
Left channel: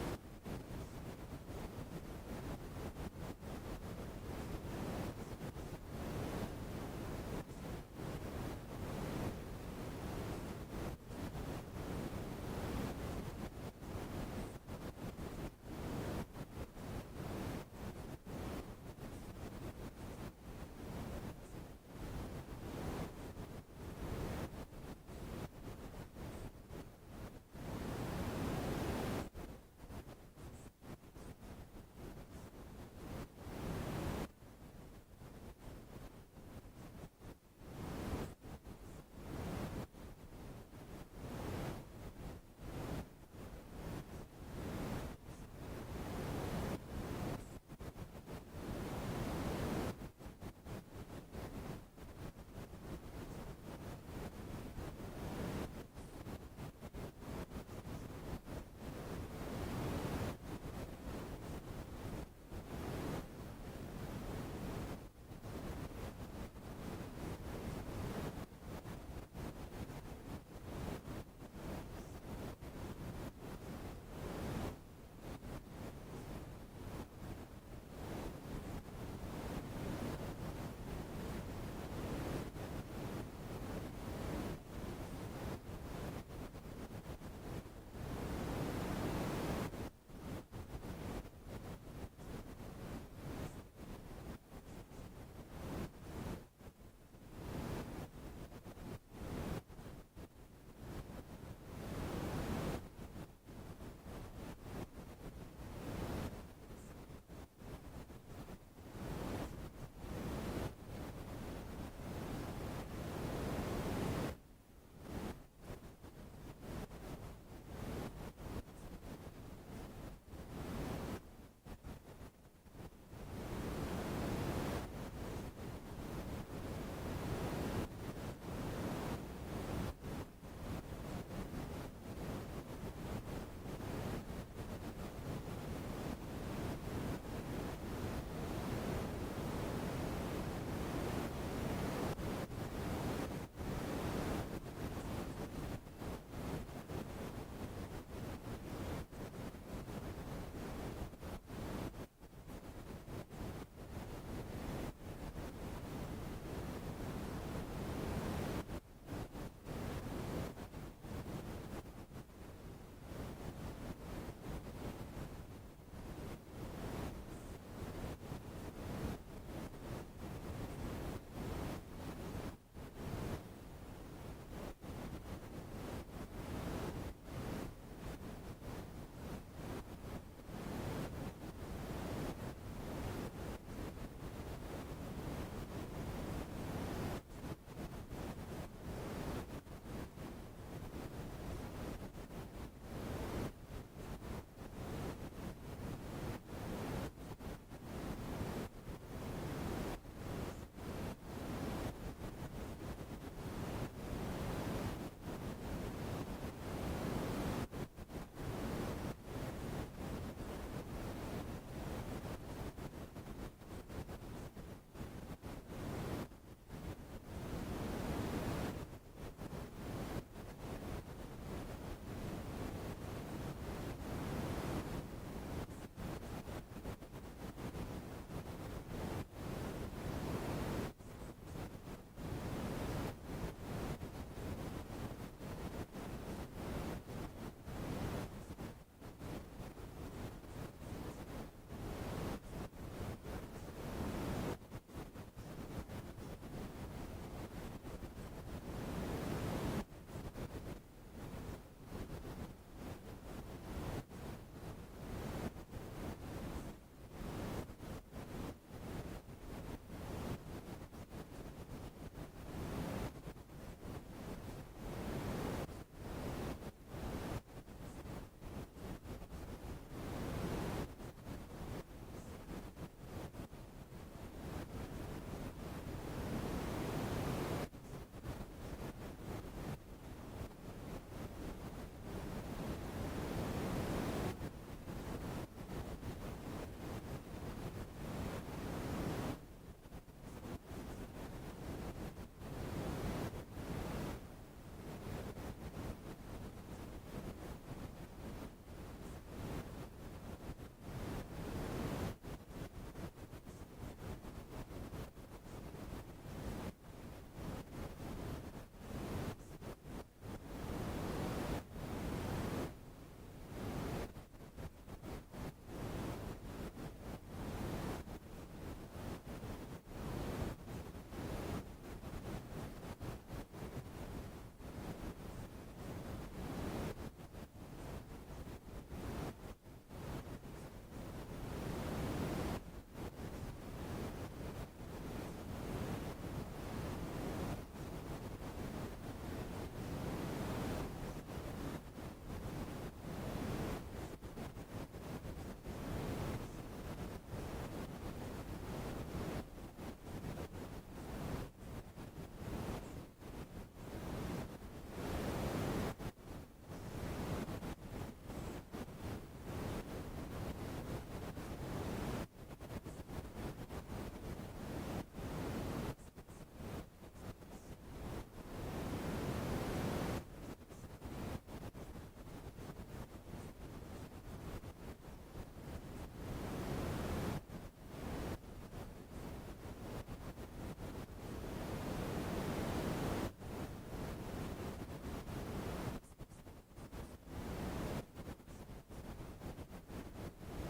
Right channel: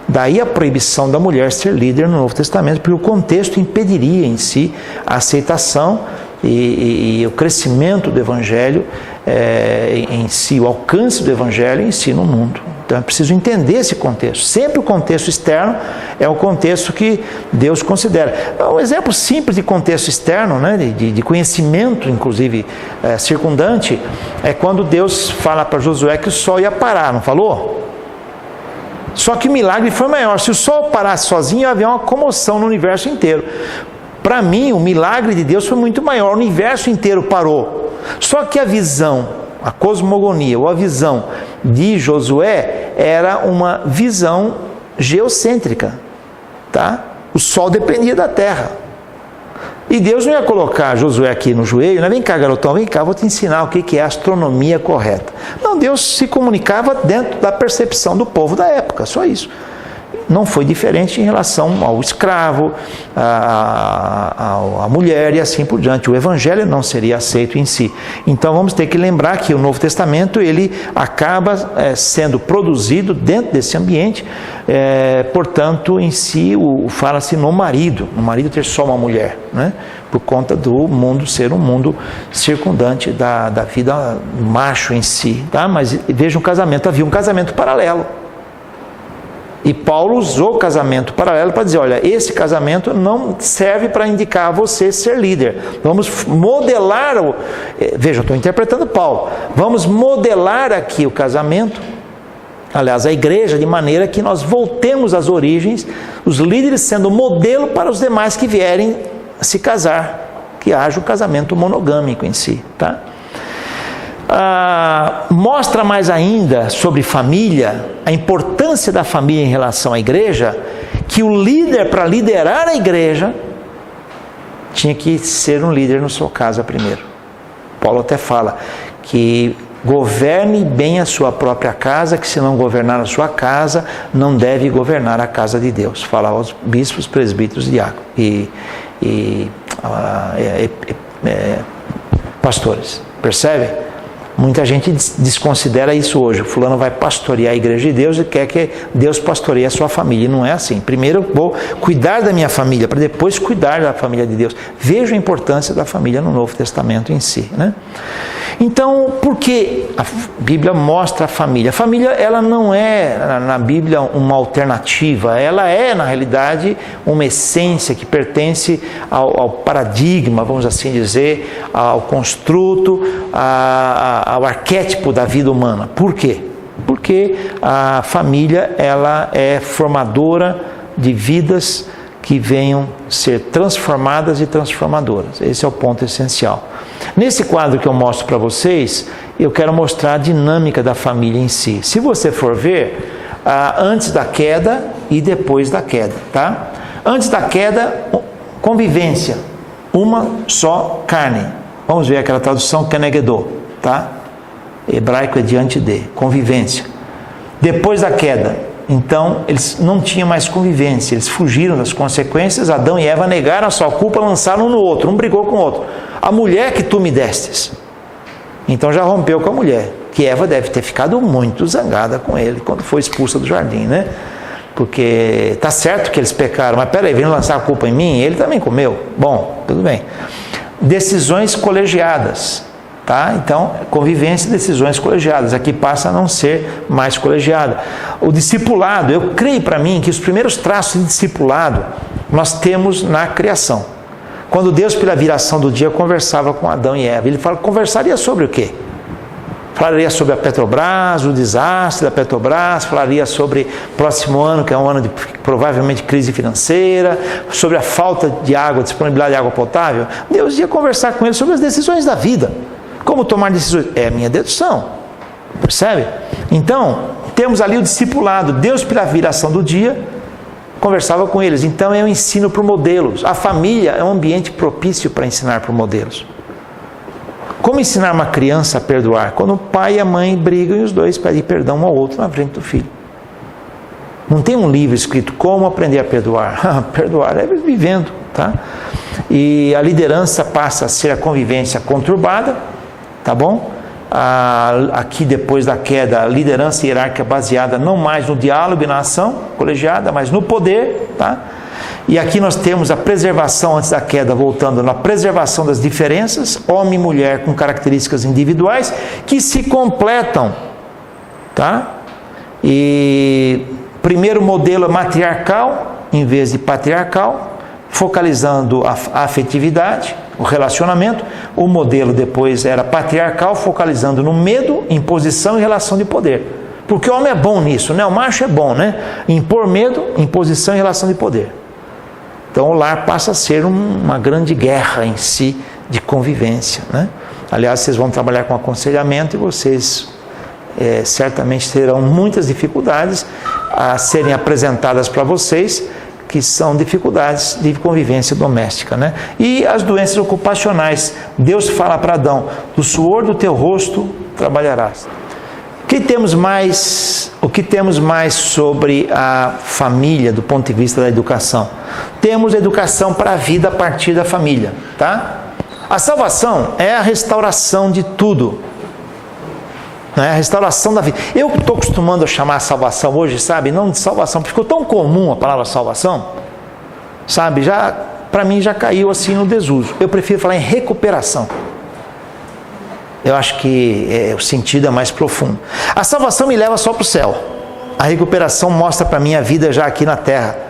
Daí a proibição da mulher ser líder no Novo Testamento, porque o contexto impediria em si a aceitação e o crescimento do evangelho em si, o alcance do evangelho em si no mundo. Então é preciso entender esse contexto. Sempre o contexto externo é o contexto que Deus considera. Um exemplo simples de contexto externo, né, de conhecimento, inclusive circundante, é quando Deus fala para Josué que o sol ia parar, não falou? Só que o milagre foi maior. Se o sol parasse sozinho, ia haver uma comoção no universo inteiro. Para mim, o milagre de Deus foi muito maior. O universo inteiro parou. Só que a visão, a cosmogonia, ou a visão de Josué era uma visão geocêntrica. Tá? O sol dependia da terra. E Deus não ia colocar Josué aqui no joelho, né? Vem cá, garotão, vem cá, vou te ensinar o que é a astronomia correta. Não, Deus se comunicava dentro da percepção do povo da época, só isso. Não foi diferente em relação ao escravo, à mulher e assim por diante. O evangelho não seria aceito em si. Então vamos ter que lembrar que o Novo Testamento ele acaba sendo produzido dentro desse ambiente, portanto em si fala-se no marido ter só uma mulher, né? Por conta do mundo ser um mundo circundante da vida macho em si. Tá? Mas veja um casamento, havia um casamento paralelo. E Paulo usou o casamento paralelo para dizer, olha, esse casamento não serve para indicar a você ser líder. Vamos modelar, veja, eu estou interpretando Paulo, vamos modelar aqui o casamento, aliás, a igreja, de maneira que nós voltemos às origens, os líderes sendo modelo para os demais que vierem se casar, que haja o casamento monogâmico em si, tá? Mostra mais ainda sobre família, a importância da família em relação à igreja, que o líder, para liderar a igreja, tinha que ser um líder na sua casa primeiro. Paulo até fala que governe bem a sua própria casa, que se não governar a sua casa, não deve governar a casa de Deus. Fala aos bispos, presbíteros, diáconos e pastores. Percebe? Muita gente desconsidera isso hoje. O fulano vai pastorear a igreja de Deus e quer que Deus pastoreie a sua família. E não é assim. Primeiro eu vou cuidar da minha família, para depois cuidar da família de Deus. Veja a importância da família no Novo Testamento em si, né? Então, por que a Bíblia mostra a família? A família, ela não é, na Bíblia, uma alternativa. Ela é, na realidade, uma essência que pertence ao paradigma, vamos assim dizer, ao construto, ao arquétipo da vida humana. Por quê? Porque a família, ela é formadora de vidas que venham ser transformadas e transformadoras. Esse é o ponto essencial. Nesse quadro que eu mostro para vocês, eu quero mostrar a dinâmica da família em si. Se você for ver, antes da queda e depois da queda, tá? Antes da queda, convivência, uma só carne. Vamos ver aquela tradução Kenegedô, tá? Hebraico é diante de, convivência. Depois da queda, então eles não tinham mais convivência, eles fugiram das consequências, Adão e Eva negaram a sua culpa, lançaram um no outro, um brigou com o outro. A mulher que tu me destes. Então já rompeu com a mulher, que Eva deve ter ficado muito zangada com ele quando foi expulsa do jardim, né? Porque está certo que eles pecaram, mas peraí, vem lançar a culpa em mim, ele também comeu. Bom, tudo bem. Decisões colegiadas, tá? Então, convivência e decisões colegiadas. Aqui passa a não ser mais colegiada. O discipulado, eu creio para mim que os primeiros traços de discipulado nós temos na criação. Quando Deus, pela viração do dia, conversava com Adão e Eva, ele conversaria sobre o quê? Falaria sobre a Petrobras, o desastre da Petrobras, falaria sobre o próximo ano, que é um ano de provavelmente crise financeira, sobre a falta de água, disponibilidade de água potável. Deus ia conversar com ele sobre as decisões da vida. Como tomar decisões? É a minha dedução. Percebe? Então, temos ali o discipulado. Deus, pela viração do dia, conversava com eles. Então é um ensino por modelos. A família é um ambiente propício para ensinar por modelos. Como ensinar uma criança a perdoar? Quando o pai e a mãe brigam e os dois pedem perdão um ao outro na frente do filho. Não tem um livro escrito como aprender a perdoar. Perdoar é vivendo, tá? E a liderança passa a ser a convivência conturbada, tá bom? Aqui depois da queda, a liderança hierárquica baseada não mais no diálogo e na ação colegiada, mas no poder, tá? E aqui nós temos a preservação antes da queda, voltando na preservação das diferenças, homem e mulher com características individuais que se completam, tá? E primeiro modelo é matriarcal em vez de patriarcal, focalizando a afetividade, o relacionamento. O modelo depois era patriarcal, focalizando no medo, imposição e relação de poder. Porque o homem é bom nisso, né? O macho é bom, né? Impor medo, imposição e relação de poder. Então o lar passa a ser uma grande guerra em si de convivência, né? Aliás, vocês vão trabalhar com aconselhamento e vocês certamente terão muitas dificuldades a serem apresentadas para vocês, que são dificuldades de convivência doméstica, né? E as doenças ocupacionais. Deus fala para Adão: do suor do teu rosto trabalharás. O que temos mais sobre a família do ponto de vista da educação? Temos educação para a vida a partir da família, tá? A salvação é a restauração de tudo. A restauração da vida. Eu estou acostumando a chamar a salvação hoje, sabe? Não de salvação, porque ficou tão comum a palavra salvação, sabe? Para mim já caiu assim no desuso. Eu prefiro falar em recuperação. Eu acho que o sentido é mais profundo. A salvação me leva só para o céu. A recuperação mostra para mim a vida já aqui na terra.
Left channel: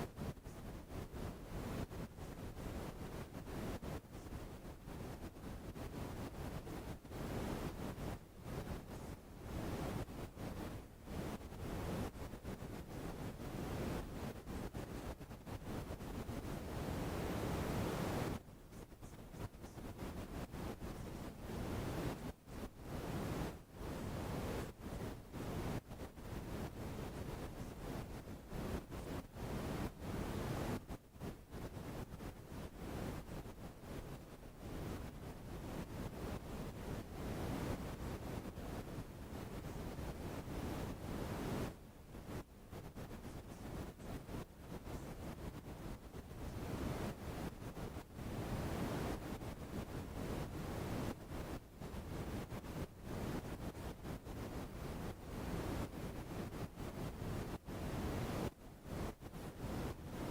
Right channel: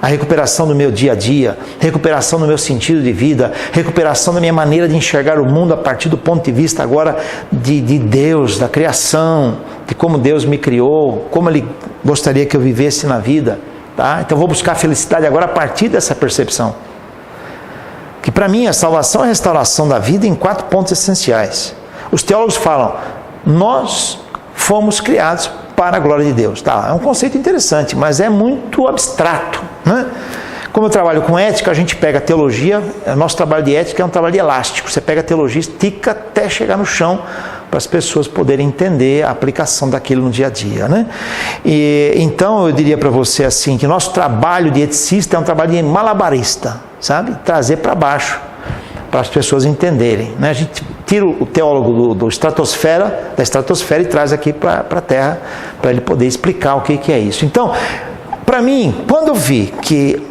A recuperação do meu dia a dia, recuperação do meu sentido de vida, recuperação da minha maneira de enxergar o mundo a partir do ponto de vista agora de Deus, da criação, de como Deus me criou, como Ele gostaria que eu vivesse na vida, tá? Então eu vou buscar a felicidade agora a partir dessa percepção. Que para mim a salvação é a restauração da vida em 4 pontos essenciais. Os teólogos falam: nós fomos criados para a glória de Deus. Tá, é um conceito interessante, mas é muito abstrato, né? Como eu trabalho com ética, a gente pega a teologia, nosso trabalho de ética é um trabalho de elástico. Você pega a teologia, estica até chegar no chão para as pessoas poderem entender a aplicação daquilo no dia a dia, né? E então eu diria para você assim, que nosso trabalho de eticista é um trabalho de malabarista, sabe? Trazer para baixo para as pessoas entenderem, né? A gente tira o teólogo da estratosfera e traz aqui para a Terra, para ele poder explicar o que é isso. Então, para mim, quando eu vi que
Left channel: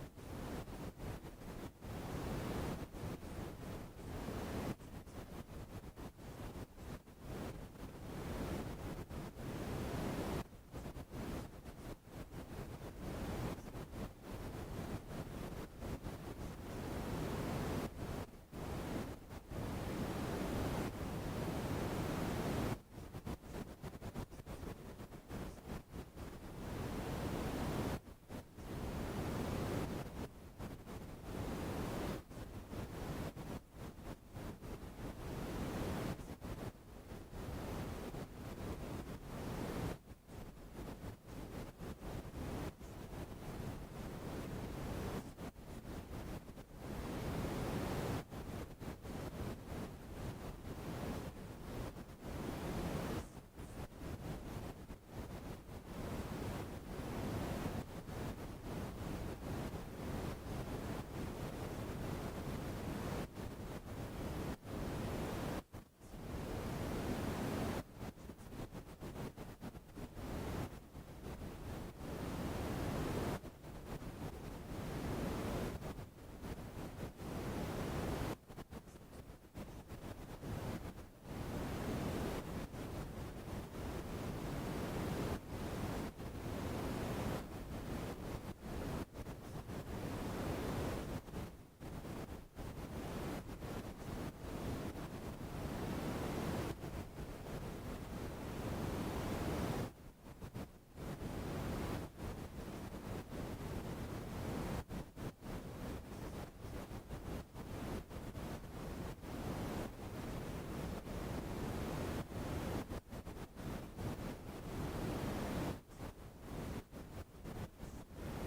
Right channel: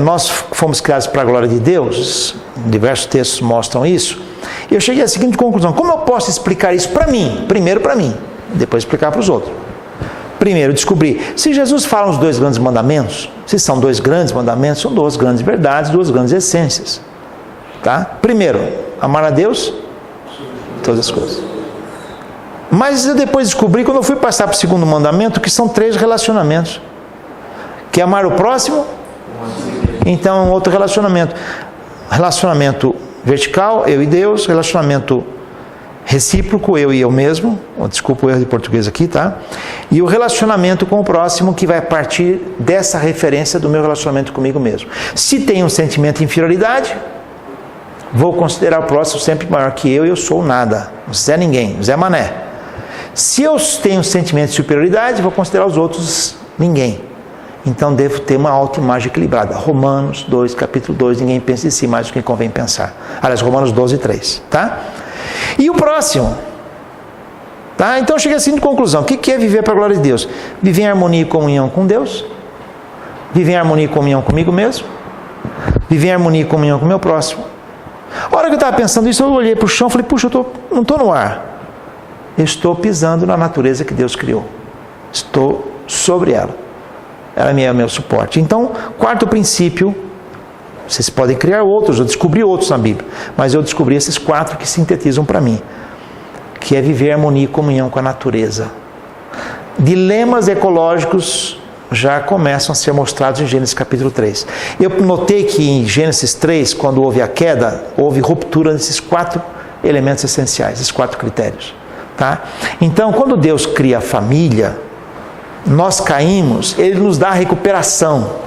nós fomos criados para a glória de Deus, diversos textos mostram isso, eu cheguei à seguinte conclusão: como eu posso explicar isso para mim? Primeiro para mim, depois explicar para os outros. Primeiro, descobrir se Jesus fala os 2 grandes mandamentos, se são 2 grandes mandamentos, são 2 grandes verdades, 2 grandes essências. Tá? Primeiro, amar a Deus, todas as coisas. Mas eu depois descobri, quando eu fui passar para o segundo mandamento, que são 3 relacionamentos. Que é amar o próximo, então outro relacionamento. Relacionamento vertical, eu e Deus, relacionamento recíproco, eu e eu mesmo, desculpa o erro de português aqui, tá? E o relacionamento com o próximo, que vai partir dessa referência do meu relacionamento comigo mesmo. Se tem um sentimento de inferioridade, vou considerar o próximo sempre maior que eu e eu sou nada, Zé ninguém, Zé Mané. Se eu tenho um sentimento de superioridade, vou considerar os outros ninguém. Então devo ter uma autoimagem equilibrada. Romanos 2, capítulo 2, ninguém pensa em si mais do que convém pensar. Aliás, Romanos 12, 3, tá? E o próximo, tá? Então eu cheguei assim de conclusão: o que é viver para a glória de Deus? Viver em harmonia e comunhão com Deus, viver em harmonia e comunhão comigo mesmo, viver em harmonia e comunhão com o meu próximo. A hora que eu estava pensando isso, eu olhei para o chão e falei: puxa, não estou no ar, eu estou pisando na natureza que Deus criou, estou sobre ela, ela é meu suporte. Então, quarto princípio, vocês podem criar outros, eu descobri outros na Bíblia, mas eu descobri esses 4 que sintetizam para mim, que é viver em harmonia e comunhão com a natureza. Dilemas ecológicos já começam a ser mostrados em Gênesis capítulo 3. Eu notei que em Gênesis 3, quando houve a queda, houve ruptura desses 4 elementos essenciais, esses 4 critérios. Tá? Então, quando Deus cria a família, nós caímos, Ele nos dá a recuperação.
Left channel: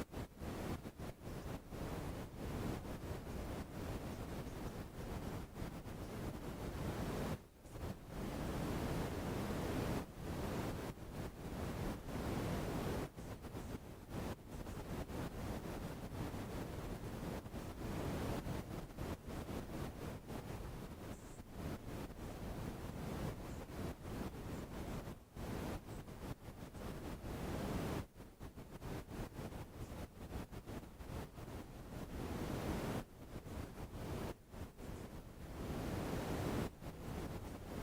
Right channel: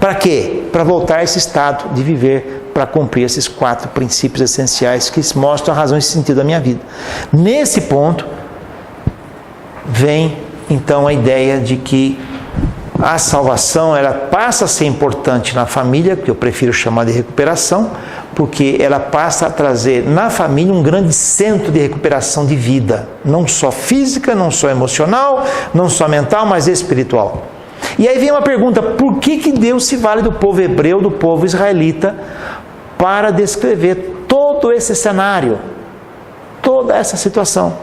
Para quê? Para voltar a esse estado de viver, para cumprir esses 4 princípios essenciais que mostram a razão e sentido da minha vida. Nesse ponto, vem então a ideia de que a salvação, ela passa a ser importante na família, que eu prefiro chamar de recuperação, porque ela passa a trazer na família um grande centro de recuperação de vida, não só física, não só emocional, não só mental, mas espiritual. E aí vem uma pergunta: por que Deus se vale do povo hebreu, do povo israelita, para descrever todo esse cenário, toda essa situação?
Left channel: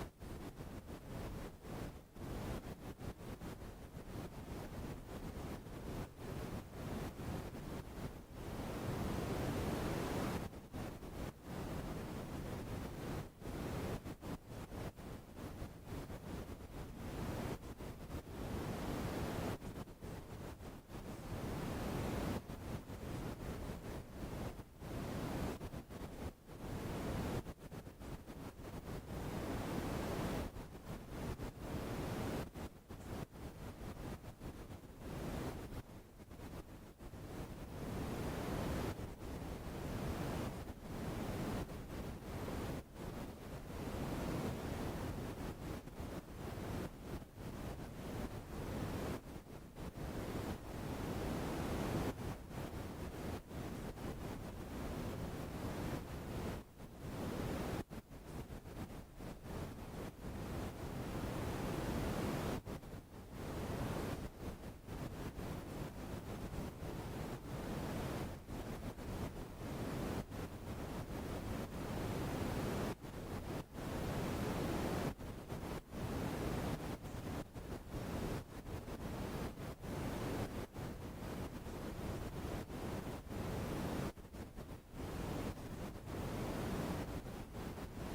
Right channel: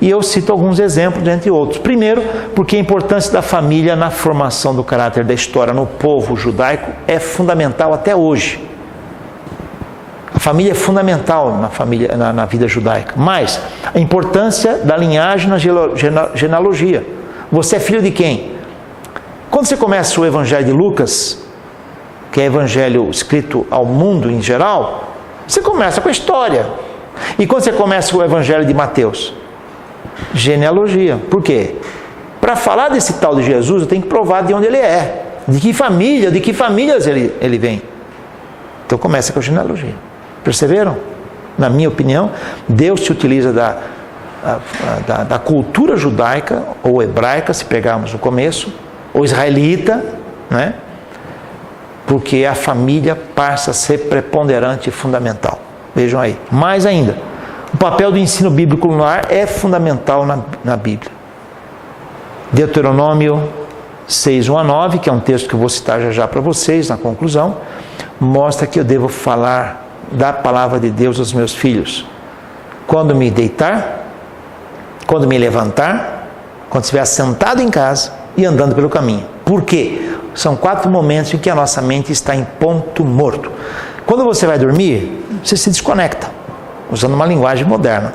E eu cito alguns exemplos, entre outros. Primeiro, porque a importância da família na formação do caráter da história no povo judaico é fundamental até hoje. A família é fundamental na vida judaica. Mas a importância da linhagem na genealogia. Você é filho de quem? Quando você começa o Evangelho de Lucas, que é evangelho escrito ao mundo em geral, você começa com a história. E quando você começa o Evangelho de Mateus? Genealogia. Por quê? Para falar desse tal de Jesus, eu tenho que provar de onde ele é, de que famílias ele vem. Então começa com a genealogia. Perceberam? Na minha opinião, Deus se utiliza da cultura judaica ou hebraica, se pegarmos no começo, ou israelita, né? Porque a família passa a ser preponderante e fundamental. Vejam aí. Mais ainda, o papel do ensino bíblico no lar é fundamental na Bíblia. Deuteronômio 6, 1 a 9, que é um texto que eu vou citar já para vocês na conclusão, mostra que eu devo falar da palavra de Deus aos meus filhos quando me deitar, quando me levantar, quando estiver sentado em casa e andando pelo caminho. Por quê? São 4 momentos em que a nossa mente está em ponto morto. Quando você vai dormir, você se desconecta, usando uma linguagem moderna,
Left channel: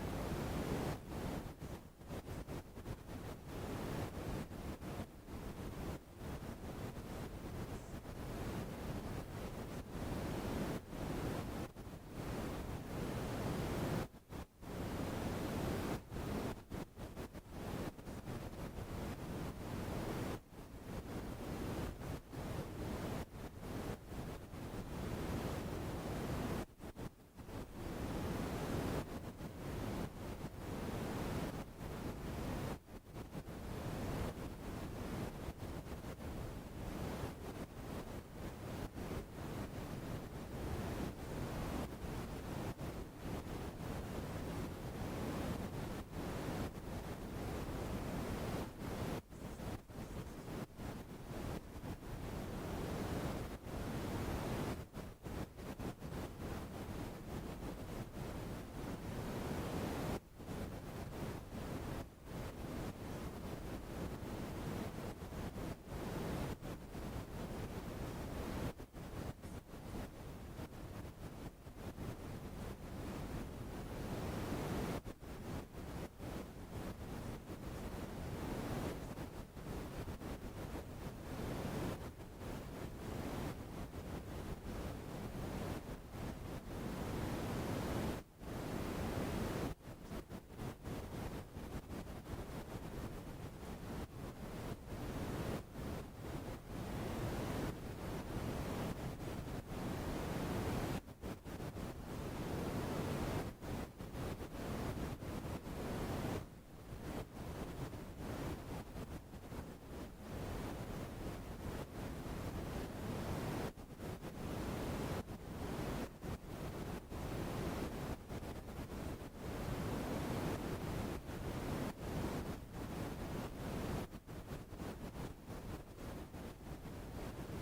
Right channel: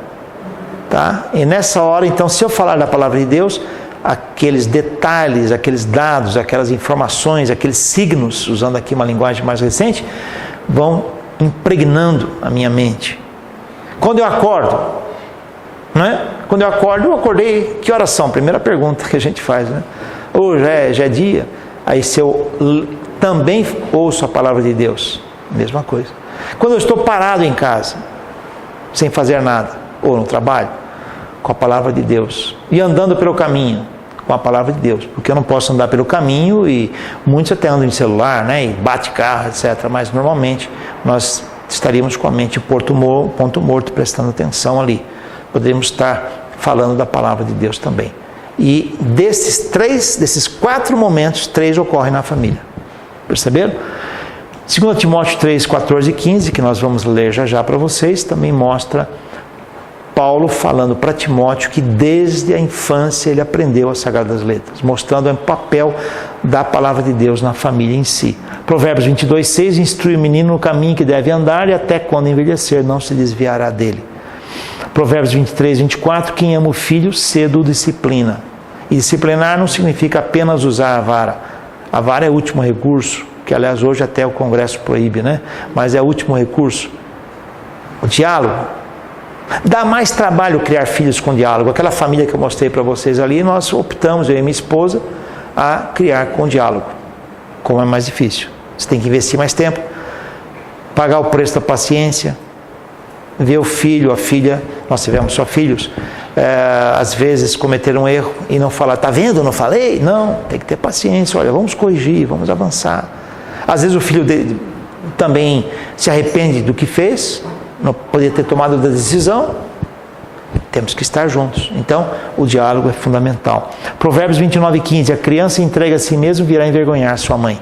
tá? E nessa hora, então, se eu falar da palavra de Deus, aqueles detalhes, aqueles dados, aquelas informações, aqueles signos, usando aqui uma linguagem mais recente, vão impregnando a minha mente. Quando eu acordo, né? Quando eu acordo, eu acordei, que horas são? Primeira pergunta que a gente faz, né? Ou já é dia? Aí se eu também ouço a palavra de Deus, mesma coisa. Quando eu estou parado em casa, sem fazer nada, ou no trabalho, com a palavra de Deus, e andando pelo caminho, com a palavra de Deus, porque eu não posso andar pelo caminho, e muitos até andam em celular, né, e bate carro, etc., mas normalmente nós estaríamos com a mente em ponto morto, prestando atenção ali. Poderíamos estar falando da palavra de Deus também. E desses 4 momentos, 3 ocorrem na família. Perceberam? 2 Timóteo 3, 14 e 15, que nós vamos ler já para vocês, também mostra Paulo falando para Timóteo que desde a infância ele aprendeu as Sagradas Letras, mostrando o papel da palavra de Deus na família em si. Provérbios 22, 6, instrui o menino no caminho que deve andar e até quando envelhecer não se desviará dele. Provérbios 23, 24, quem ama o filho cedo o disciplina. E disciplinar não significa apenas usar a vara. A vara é o último recurso, que aliás hoje até o Congresso proíbe, né? Mas é o último recurso. O diálogo. Dá mais trabalho criar filhos com diálogo. Aquela família que eu mostrei para vocês ali, nós optamos, eu e minha esposa, a criar com diálogo. Como é mais difícil. Você tem que investir mais tempo, pagar o preço da paciência, ver o filho, a filha, nós tivemos só filhos, às vezes cometer um erro e não falar, tá vendo, não falei? Não, tem que ter paciência, olha, vamos corrigir, vamos avançar. Às vezes o filho dele também se arrepende do que fez, não poderia ter tomado a decisão, temos que estar juntos. Então, o diálogo é fundamental. Provérbios 29, 15, a criança entrega a si mesmo virá envergonhar sua mãe.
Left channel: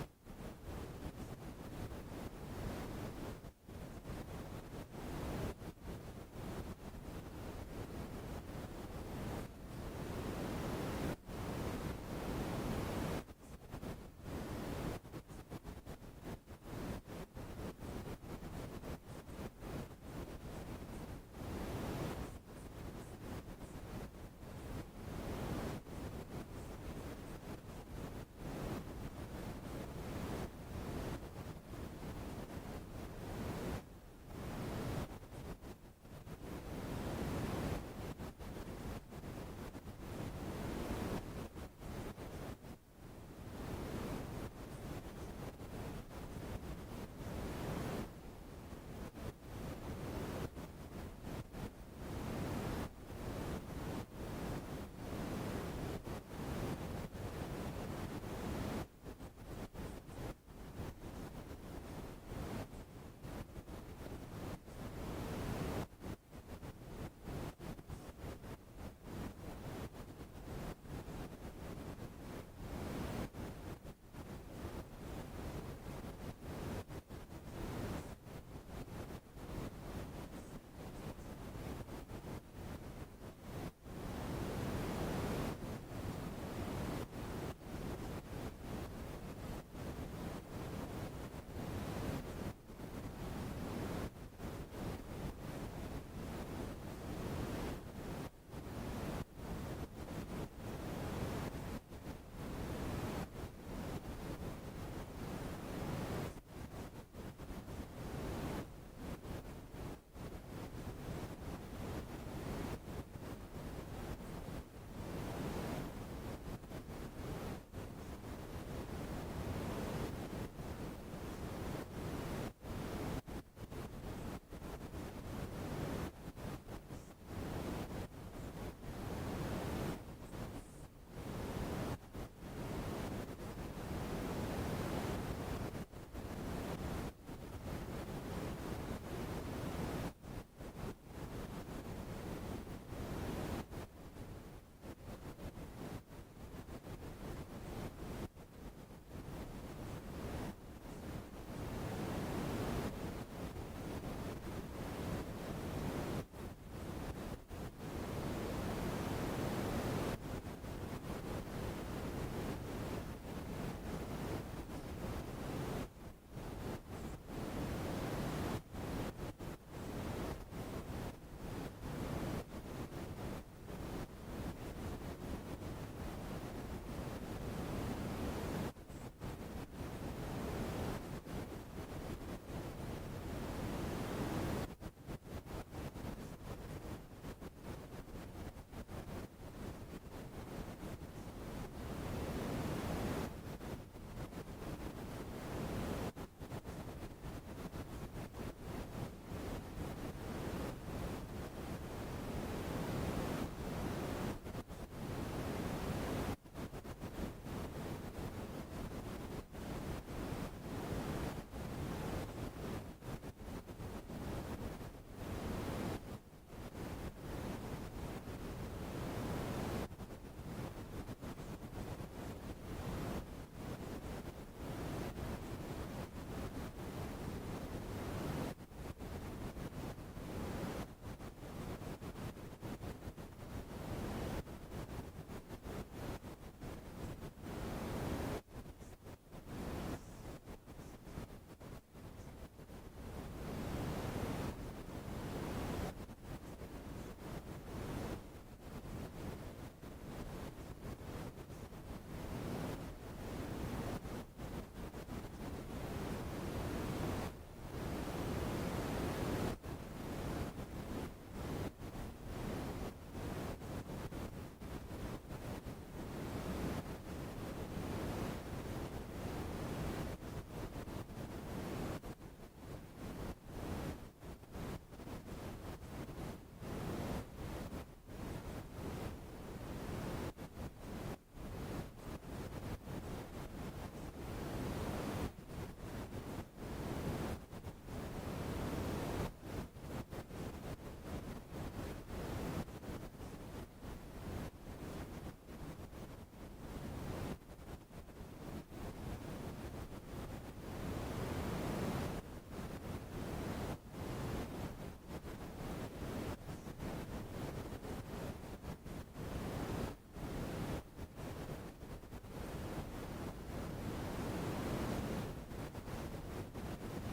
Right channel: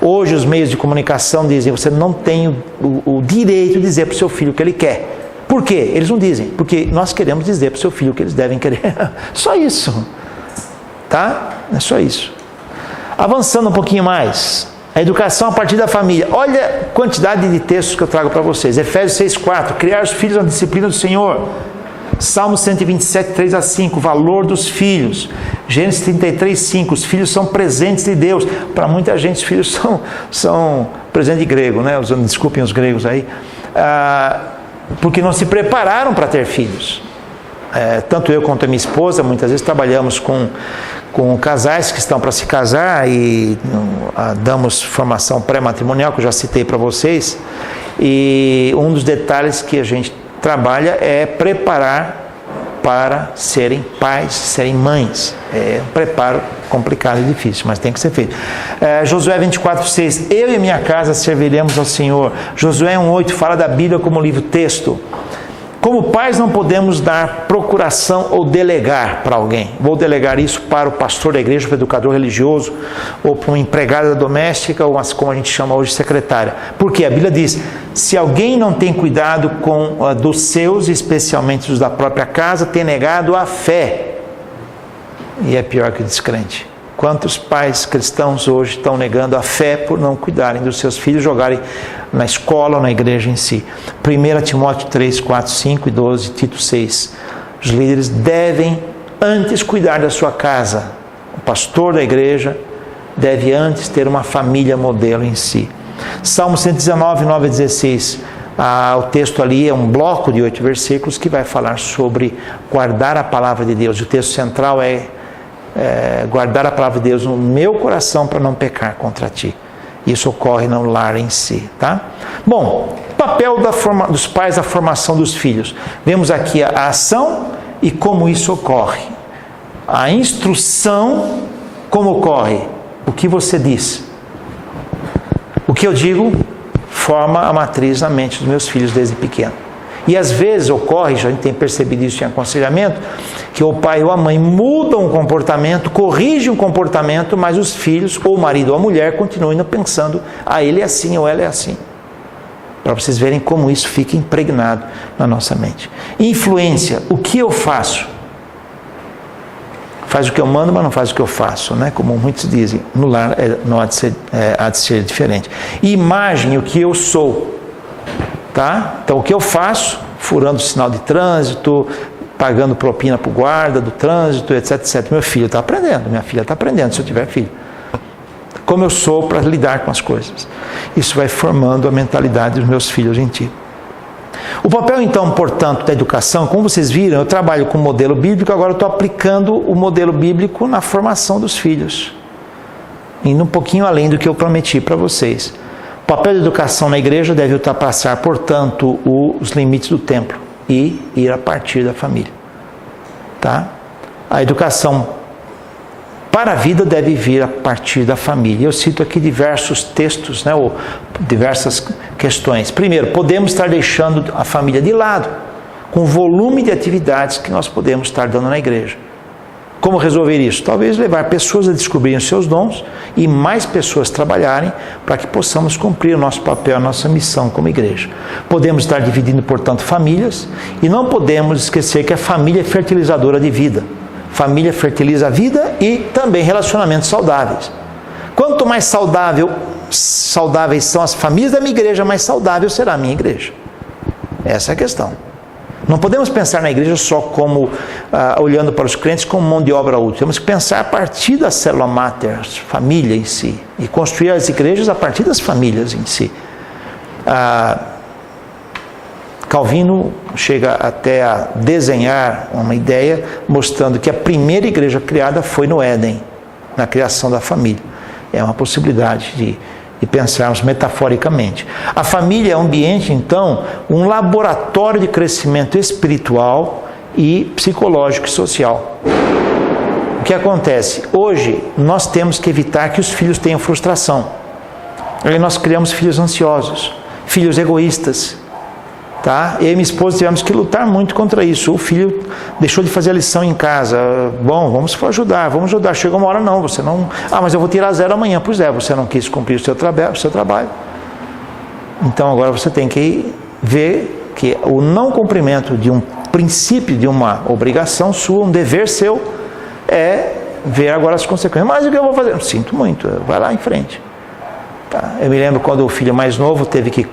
Hoje os meios de comunicação dizem, você não tem o direito de dizer para o seu filho o que ele quer. Por quê? Eles não dizem, porque nós queremos dizer para o seu filho o que eles devem querer. Só isso. Tá? É só isso. Avançando um pouquinho mais, a educação a partir da família. Olha a quantidade de textos que eu trago para vocês. Efésios 6,4, criar os filhos na disciplina do Senhor. Salmo 127, 3 a 5, valor dos filhos. Gênesis 33, 5, os filhos são presentes de Deus. Para muita gente, os filhos são presente de grego, né? Desculpem os gregos aí. Porque não se prepararam para ter filhos. Tanto eu quanto a minha esposa, muitas vezes trabalhamos com casais que estão para se casar e damos formação pré-matrimonial, que eu já citei para vocês. E um dos detalhes que a gente trabalha é preparar para serem pais, serem mães. É um preparo complicado e difícil, mas tem que ser feito. Josué 24, 6, eu e minha casa serviremos ao Senhor. Josué 1,8 fala da Bíblia como livro-texto. Como pais não podemos dar procuração ou delegar para alguém. Vou delegar isso para o pastor da igreja, para o educador religioso, ou para uma empregada doméstica, ou como a gente chama hoje, secretária. Porque a Bíblia diz, se alguém não tem cuidado dos seus, especialmente os da própria casa, tem negado a fé. E é pior que o descrente. Quantos pais cristãos hoje estão negando a fé por não cuidarem dos seus filhos, jogarem na escola ou na igreja em si. 1 Timóteo 3, 4, 5 e 12, Tito 6. Os líderes devem antes cuidar da sua casa. O pastor da igreja deve antes ter uma família modelo em si. Salmo 119, 9 a 16. O texto ali é um bloco de 8 versículos que vai falar sobre guardar a palavra de Deus. O texto central é guardar a palavra de Deus no meu coração para não pecar contra ti. Isso ocorre no lar em si, tá? Bom, papel dos pais na formação dos filhos. Vemos aqui a ação e como isso ocorre. A instrução, como ocorre? O que você diz? O que eu digo forma a matriz na mente dos meus filhos desde pequeno. E às vezes ocorre, a gente tem percebido isso em aconselhamento, que o pai ou a mãe mudam o comportamento, corrigem o comportamento, mas os filhos, ou o marido ou a mulher, continuam ainda pensando, ele é assim ou ela é assim. Para vocês verem como isso fica impregnado na nossa mente. Influência, o que eu faço? Faz o que eu mando, mas não faz o que eu faço, né? Como muitos dizem, no lar não há de ser diferente. Imagem, o que eu sou. Tá? Então, o que eu faço? Furando o sinal de trânsito, pagando propina para o guarda do trânsito, etc, etc. Meu filho está aprendendo, minha filha está aprendendo, se eu tiver filho. Como eu sou para lidar com as coisas. Isso vai formando a mentalidade dos meus filhos em ti. O papel, então, portanto, da educação, como vocês viram, eu trabalho com o modelo bíblico, agora eu estou aplicando o modelo bíblico na formação dos filhos. Indo um pouquinho além do que eu prometi para vocês. O papel da educação na igreja deve ultrapassar, portanto, os limites do templo e ir a partir da família. Tá? A educação para a vida deve vir a partir da família. Eu cito aqui diversos textos, né? O diversas questões. Primeiro, podemos estar deixando a família de lado, com o volume de atividades que nós podemos estar dando na igreja. Como resolver isso? Talvez levar pessoas a descobrirem os seus dons e mais pessoas trabalharem para que possamos cumprir o nosso papel, a nossa missão como igreja. Podemos estar dividindo, portanto, famílias e não podemos esquecer que a família é fertilizadora de vida. Família fertiliza a vida e também relacionamentos saudáveis. Quanto mais saudáveis são as famílias da minha igreja, mais saudável será a minha igreja. Essa é a questão. Não podemos pensar na igreja só como, olhando para os crentes como mão de obra útil. Temos que pensar a partir da célula máter, família em si, e construir as igrejas a partir das famílias em si. Calvino chega até a desenhar uma ideia mostrando que a primeira igreja criada foi no Éden, na criação da família. É uma possibilidade de pensarmos metaforicamente. A família é um ambiente, então, um laboratório de crescimento espiritual e psicológico e social. O que acontece? Hoje, nós temos que evitar que os filhos tenham frustração. Aí nós criamos filhos ansiosos, filhos egoístas. Tá? Eu e minha esposa tivemos que lutar muito contra isso. O filho deixou de fazer a lição em casa. Bom, vamos ajudar. Chegou uma hora, não, você não... mas eu vou tirar 0 amanhã. Pois é, você não quis cumprir o seu trabalho. Então agora você tem que ver que o não cumprimento de um princípio, de uma obrigação sua, um dever seu, é ver agora as consequências. Mas o que eu vou fazer? Eu sinto muito, vai lá em frente. Tá? Eu me lembro quando o filho mais novo teve que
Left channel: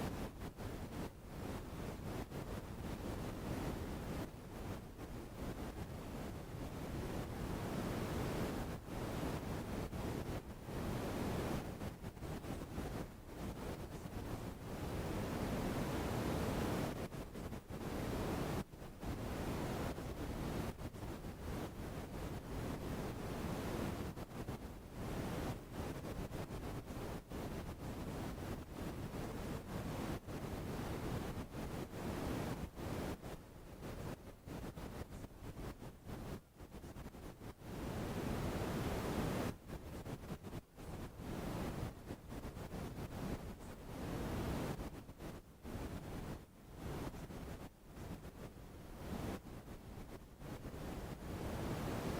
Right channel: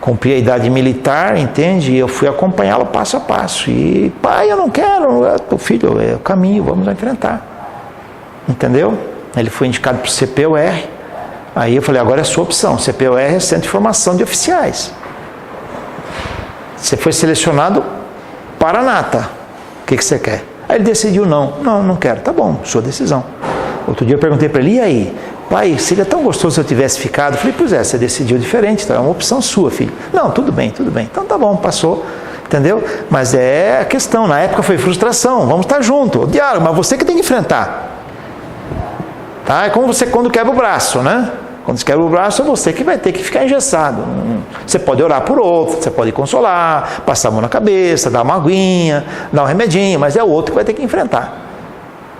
cumprir a idade militar, entende? E eu fui acompanhá-lo passo a passo. E, pai, eu não quero. Filho, é o caminho, vamos enfrentar. Entendeu? Ele foi indicado para o CPUR. Aí eu falei, agora é a sua opção. CPUR é Centro de Formação de Oficiais. Você foi selecionado para a nata. O que você quer? Aí ele decidiu não quero. Tá bom, sua decisão. Outro dia eu perguntei para ele, e aí? Pai, seria tão gostoso se eu tivesse ficado. Eu falei, pois é, você decidiu diferente, então é uma opção sua, filho. Não, tudo bem. Então tá bom, passou, entendeu? Mas é a questão, na época foi frustração, vamos estar juntos, diálogo, mas você que tem que enfrentar. Tá? É como você quando quebra o braço, né? Quando você quebra o braço, é você que vai ter que ficar engessado. Você pode orar por outro, você pode consolar, passar a mão na cabeça, dar uma aguinha, dar um remedinho, mas é o outro que vai ter que enfrentar.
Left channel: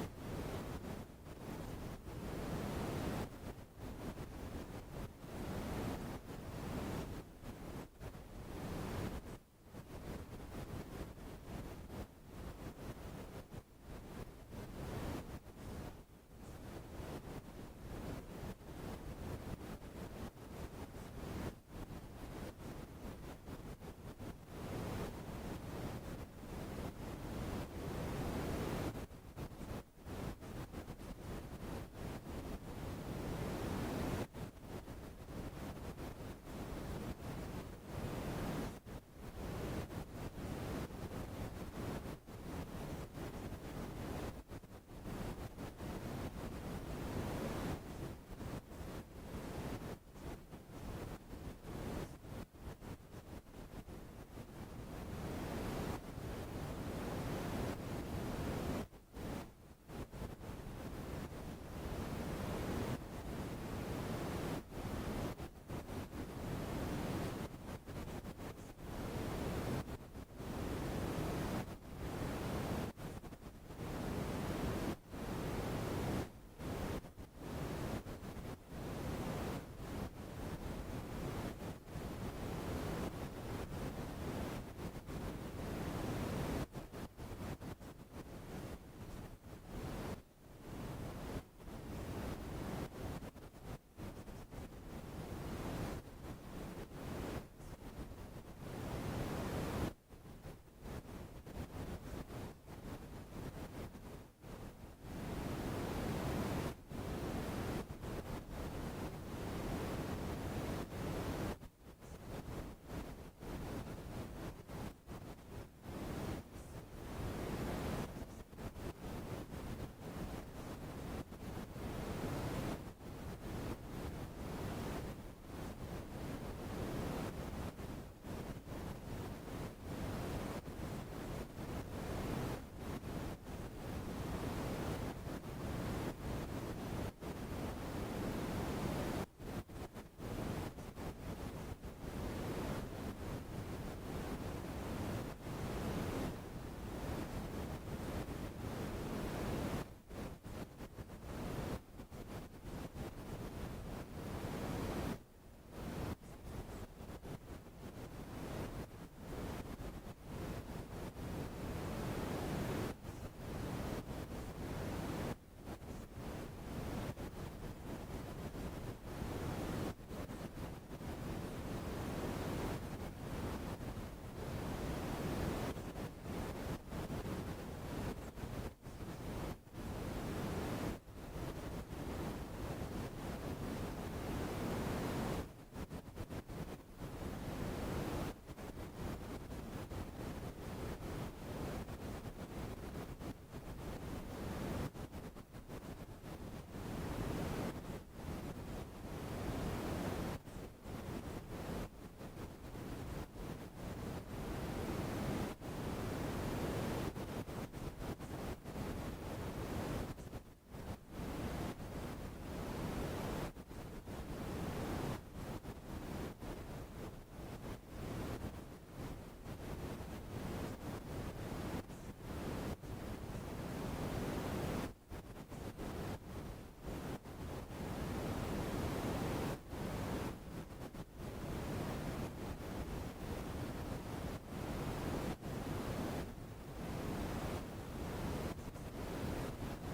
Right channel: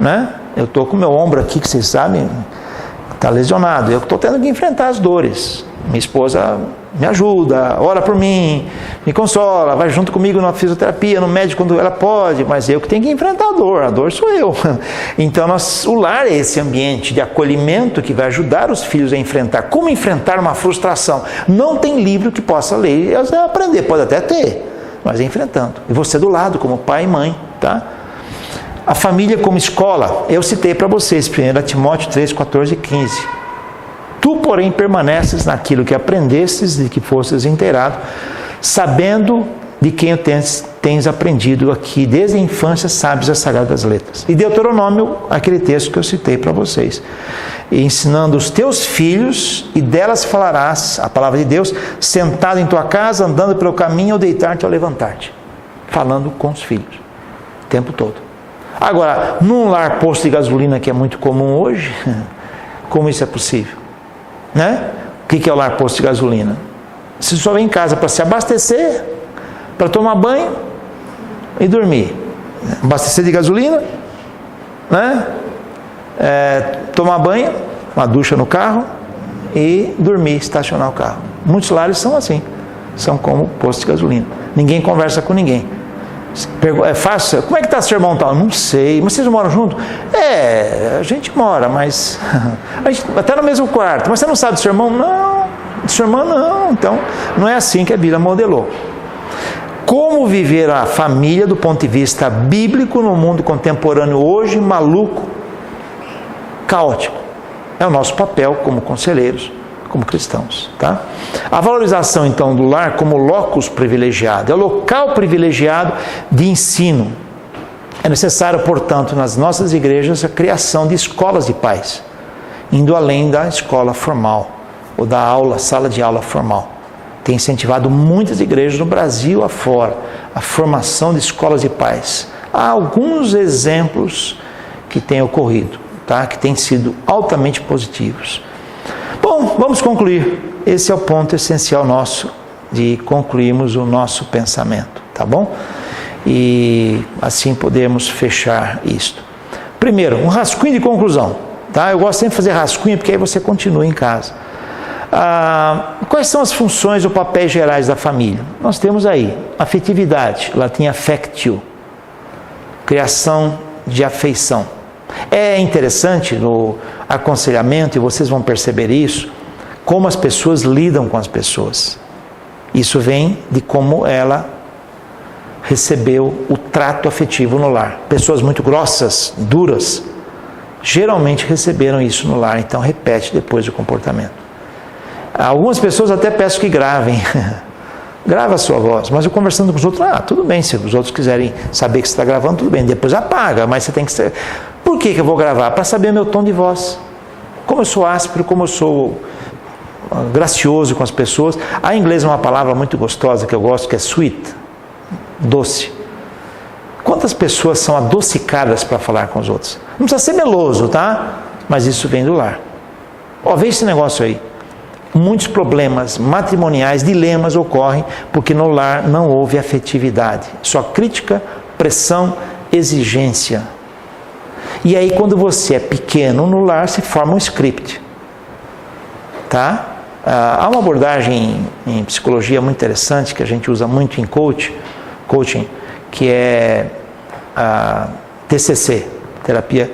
Né? Eu estou com o meu ombro aqui, que vocês sabem... Está lesionado, eu estou tendo que enfrentar as dores. Minha esposa me ajuda, ora por mim, me consola, vai junto comigo na fisioterapia, no médico quando ela pode, mas eu que tenho que enfrentar a dor sou eu. Então o lar é esse ambiente de acolhimento que vai ajudar os filhos a enfrentar. Como enfrentar uma frustração? Não tem livro que possa ler e aprender, pode até ter, mas é enfrentando. E você do lado, como pai e mãe, tá? A família como escola, eu citei para vocês, 1 Timóteo 3, 14 e 15. Tu, porém, permaneces naquilo que aprendestes e que fostes inteirado, sabendo de quem tens aprendido aqui, desde a infância sabes as sagradas letras. E Deuteronômio, aquele texto que eu citei para vocês. E ensinando os teus filhos, e delas falarás, a palavra de Deus, sentado em tua casa, andando pelo caminho, ou deitar-te ou levantar-te. Falando com os filhos, o tempo todo. Agora, num lar posto de gasolina que é muito comum hoje, como isso é possível? Né? O que é o lar posto de gasolina? Você só vem em casa para se abastecer, para tomar banho e dormir. Abastecer de gasolina, né? Tomar banho, uma ducha no carro e dormir, estacionar o carro. Muitos lares são assim, são como posto de gasolina. Ninguém conversa com ninguém. É fácil? Como é que está seu irmão tal? Não sei. Mas vocês moram junto? A gente mora, mas até no mesmo quarto. Mas você não sabe do seu irmão? Não. Do seu irmão não. Então, não é assim que a Bíblia modelou. Como viver a família do ponto de vista bíblico no mundo contemporâneo hoje, maluco, caótico? É o nosso papel como conselheiros, como cristãos, tá? A valorização, então, do lar como locus privilegiado, é o local privilegiado de ensino. É necessário, portanto, nas nossas igrejas, a criação de escolas de pais, indo além da escola formal, ou da aula, sala de aula formal. Tem incentivado muitas igrejas no Brasil afora, a formação de escolas de pais. Há alguns exemplos que têm ocorrido, tá? Que têm sido altamente positivos. Bom, vamos concluir. esse é o ponto essencial nosso de concluirmos o nosso pensamento, tá bom? E assim podemos fechar isto. Primeiro, um rascunho de conclusão, tá? Eu gosto sempre de fazer rascunho porque aí você continua em casa. Quais são as funções ou papéis gerais da família? Nós temos aí afetividade, latim affectio, criação de afeição. É interessante no aconselhamento, e vocês vão perceber isso, como as pessoas lidam com as pessoas. Isso vem de como ela recebeu o trato afetivo no lar. Pessoas muito grossas, duras, geralmente receberam isso no lar, então repete depois o comportamento. Algumas pessoas até peço que gravem, grava a sua voz, mas eu conversando com os outros, tudo bem, se os outros quiserem saber que você está gravando, tudo bem, depois apaga, mas você tem que ser... Por que eu vou gravar? Para saber meu tom de voz, como eu sou áspero, como eu sou gracioso com as pessoas. A inglês é uma palavra muito gostosa que eu gosto, que é sweet, doce. Quantas pessoas são adocicadas para falar com os outros? Não precisa ser meloso, tá? Mas isso vem do lar. Vê esse negócio aí. Muitos problemas matrimoniais, dilemas ocorrem porque no lar não houve afetividade. Só crítica, pressão, exigência. E aí quando você é pequeno no lar se forma um script. Tá? Há uma abordagem em psicologia muito interessante que a gente usa muito em coaching, que é a TCC, Terapia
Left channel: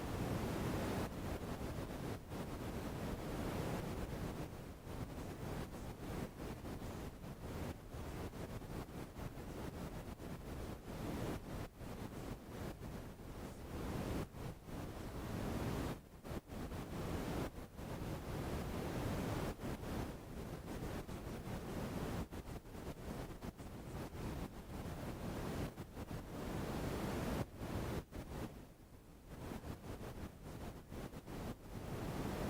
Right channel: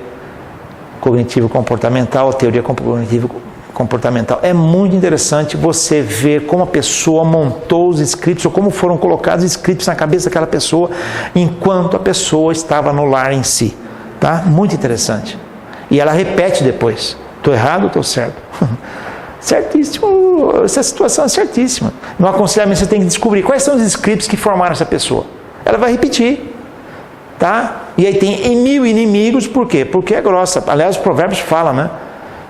Cognitivo-Comportamental, Teoria Cognitivo-Comportamental. É muito interessante você ver como a pessoa montou os scripts, ou como foram colocados os scripts na cabeça daquela pessoa, enquanto a pessoa estava no lar em si. Tá? Muito interessante. E ela repete depois. Estou errado ou estou certo? Certíssimo, essa situação é certíssima. No aconselhamento você tem que descobrir quais são os scripts que formaram essa pessoa. Ela vai repetir, tá? E aí tem mil inimigos, por quê? Porque é grossa. Aliás, os provérbios falam, né?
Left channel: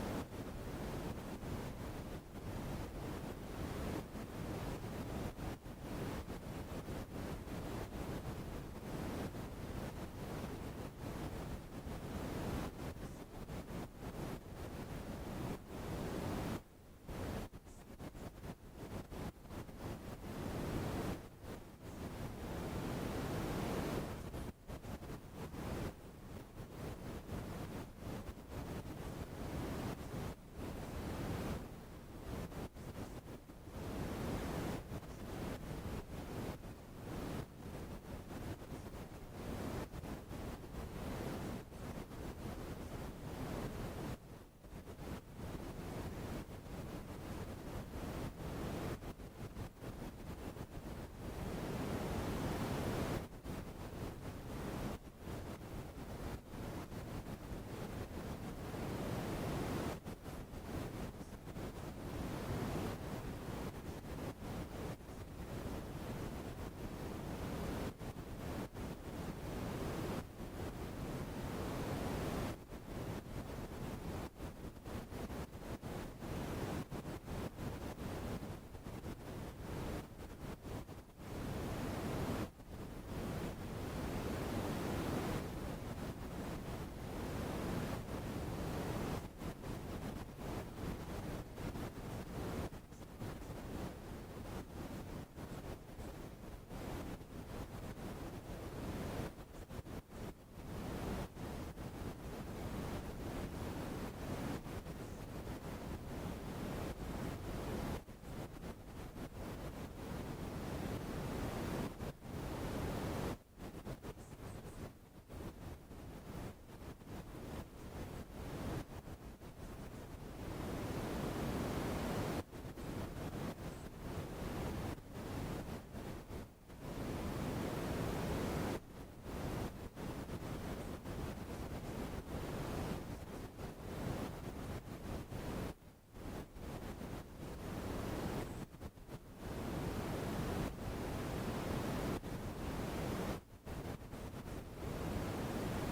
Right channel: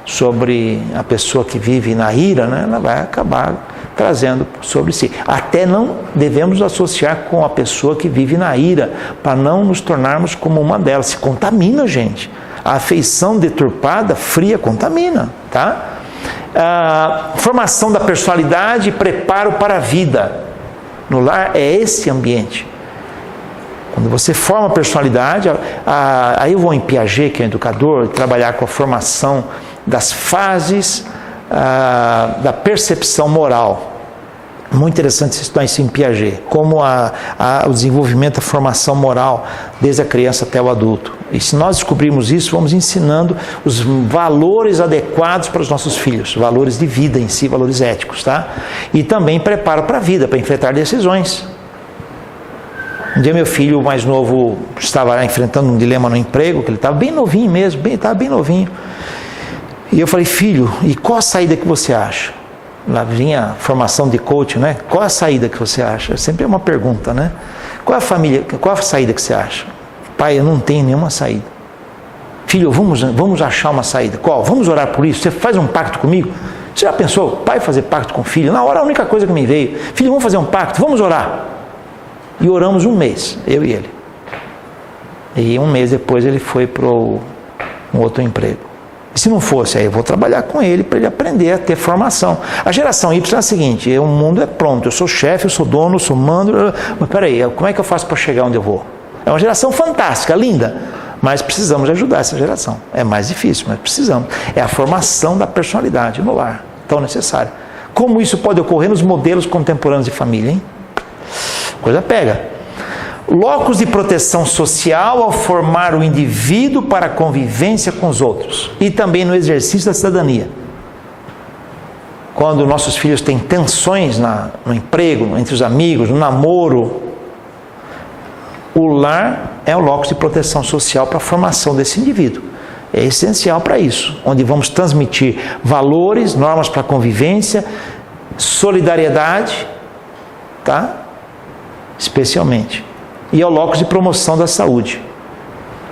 Sobre a pessoa que vive na ira, né? Ela vai acabar trazendo sobre si. Até não devemos associar com a pessoa que vive na ira, para não nos tornarmos como uma delas. Se contamina, gente. A afeição deturpada, fria, contamina, tá? Formação da personalidade e preparo para a vida. No lar é esse ambiente. Quando você forma a personalidade, aí eu vou em Piaget, que é um educador, trabalhar com a formação das fases da percepção moral. Muito interessante estudar isso em Piaget, como o desenvolvimento, a formação moral desde a criança até o adulto. E se nós descobrirmos isso, vamos ensinando os valores adequados para os nossos filhos, valores de vida em si, valores éticos, tá? E também preparo para a vida, para enfrentar decisões. Um dia meu filho mais novo estava enfrentando um dilema no emprego, que ele estava bem novinho mesmo, estava bem novinho. E eu falei, filho, e qual a saída que você acha? Lá vinha a formação de coach, né? Qual a saída que você acha? Sempre é uma pergunta, né? Qual a saída que você acha? Pai, eu não tenho nenhuma saída. Filho, vamos achar uma saída. Qual? Vamos orar por isso? Você faz um pacto comigo? Você já pensou, pai fazer pacto com o filho? Na hora a única coisa que me veio, filho, vamos fazer um pacto? Vamos orar. E oramos um mês, eu e ele. E um mês depois ele foi para um outro emprego. E se não fosse, aí eu vou trabalhar com ele para ele aprender a ter formação. A geração Y é a seguinte, o mundo é pronto, eu sou chefe, eu sou dono, eu sou mando, mas peraí, como é que eu faço para chegar onde eu vou? É uma geração fantástica, linda, mas precisamos ajudar essa geração. É mais difícil, mas precisamos. É a formação da personalidade no lar, tão necessária. Como isso pode ocorrer nos modelos contemporâneos de família, hein? Coisa pega. Locus de proteção social ao formar o indivíduo para a convivência com os outros e também no exercício da cidadania. Quando nossos filhos têm tensões no emprego, entre os amigos, no namoro, o lar é o locus de proteção social para a formação desse indivíduo. É essencial para isso, onde vamos transmitir valores, normas para a convivência, solidariedade, tá? Especialmente. E é o locus de promoção da saúde.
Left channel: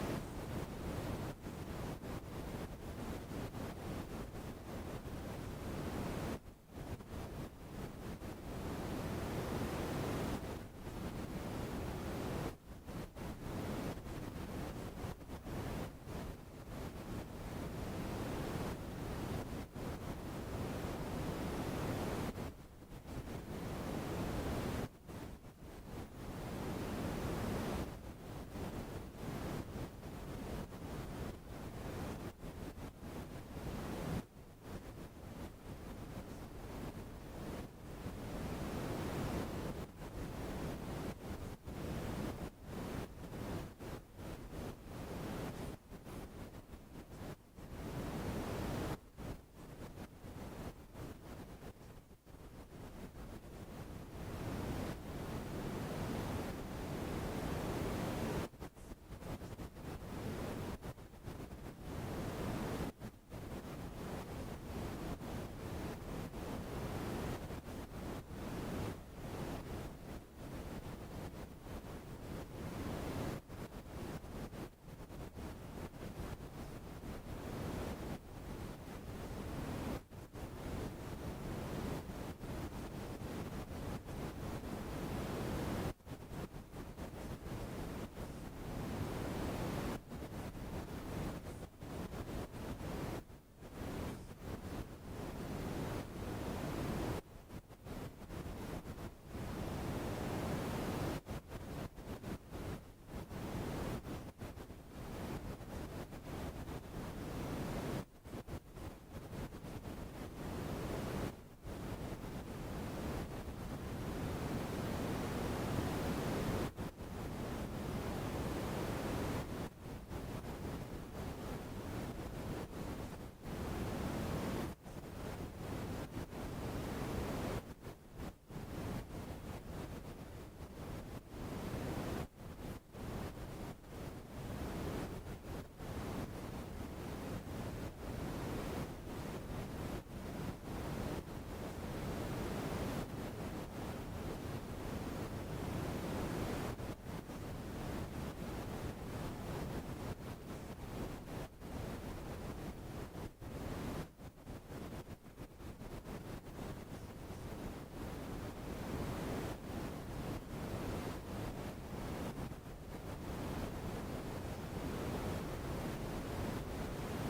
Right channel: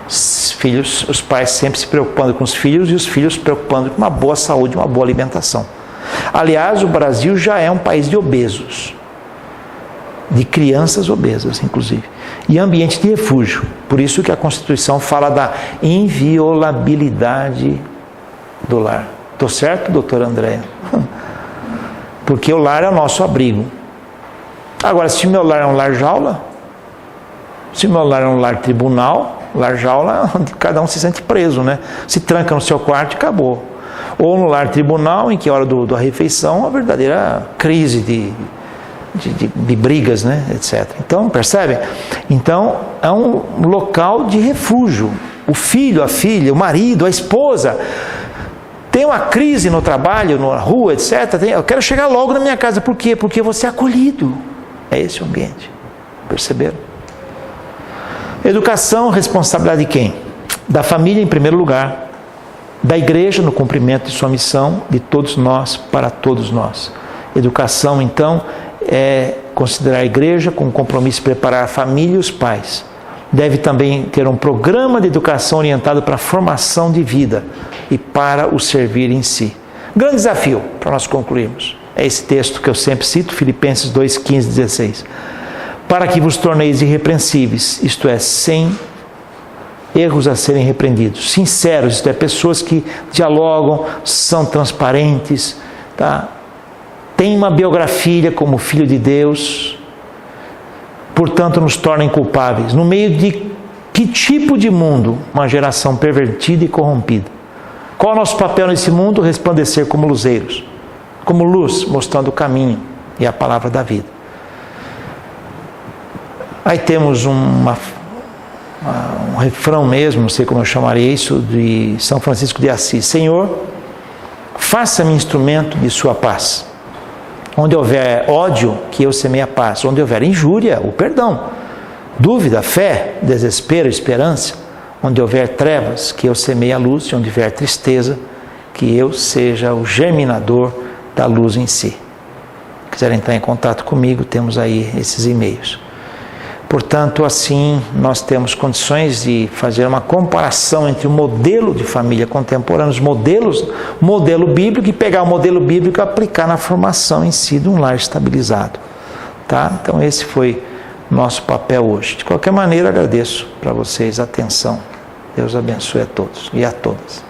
Os pais sempre se preocupando com os filhos e os filhos se preocupando com uma boa saúde, uma boa alimentação. Aliás, o Brasil já é um país de obesos, de crianças obesas, inclusive, e ambiente de refúgio. Por isso que a Constituição fala da inviolabilidade do lar. Estou certo, doutora Andréia? porque o lar é o nosso abrigo. Agora, se o meu lar é um lar jaula, se o meu lar é um lar tribunal, lar jaula é onde cada um se sente preso, né? Se tranca no seu quarto e acabou. Ou no lar tribunal, em que a hora da refeição, uma verdadeira crise de brigas, né? Etc. Então, percebe? Então, é um local de refúgio. O filho, a filha, o marido, a esposa, tem uma crise no trabalho, na rua, etc. Eu quero chegar logo na minha casa. Por quê? Porque você é acolhido. É esse o ambiente. Perceberam? Educação, responsabilidade de quem? Da família em primeiro lugar, da igreja no cumprimento de sua missão, de todos nós, para todos nós. Educação, então, é considerar a igreja com o compromisso de preparar a família e os pais. Deve também ter um programa de educação orientado para a formação de vida e para o servir em si. Grande desafio, para nós concluirmos, é esse texto que eu sempre cito, Filipenses 2, 15, 16. Para que vos torneis irrepreensíveis, isto é, sem erros a serem repreendidos, sinceros, isto é, pessoas que dialogam, são transparentes, tá? Tem uma biografia como filho de Deus, portanto nos torna inculpáveis. No meio de que tipo de mundo? Uma geração pervertida e corrompida. Qual é o nosso papel nesse mundo? Resplandecer como luzeiros, como luz, mostrando o caminho e a palavra da vida. Aí temos um refrão mesmo, não sei como eu chamaria isso, de São Francisco de Assis. Senhor, faça-me instrumento de sua paz. Onde houver ódio, que eu semeie a paz. Onde houver injúria, o perdão. Dúvida, fé, desespero, esperança. Onde houver trevas, que eu semeie a luz. E onde houver tristeza, que eu seja o germinador da luz em si. Se quiser entrar em contato comigo, temos aí esses e-mails. Portanto, assim, nós temos condições de fazer uma comparação entre o modelo de família contemporânea, os modelo bíblico, e pegar o modelo bíblico e aplicar na formação em si de um lar estabilizado. Tá? Então, esse foi nosso papel hoje. De qualquer maneira, agradeço para vocês a atenção. Deus abençoe a todos e a todas.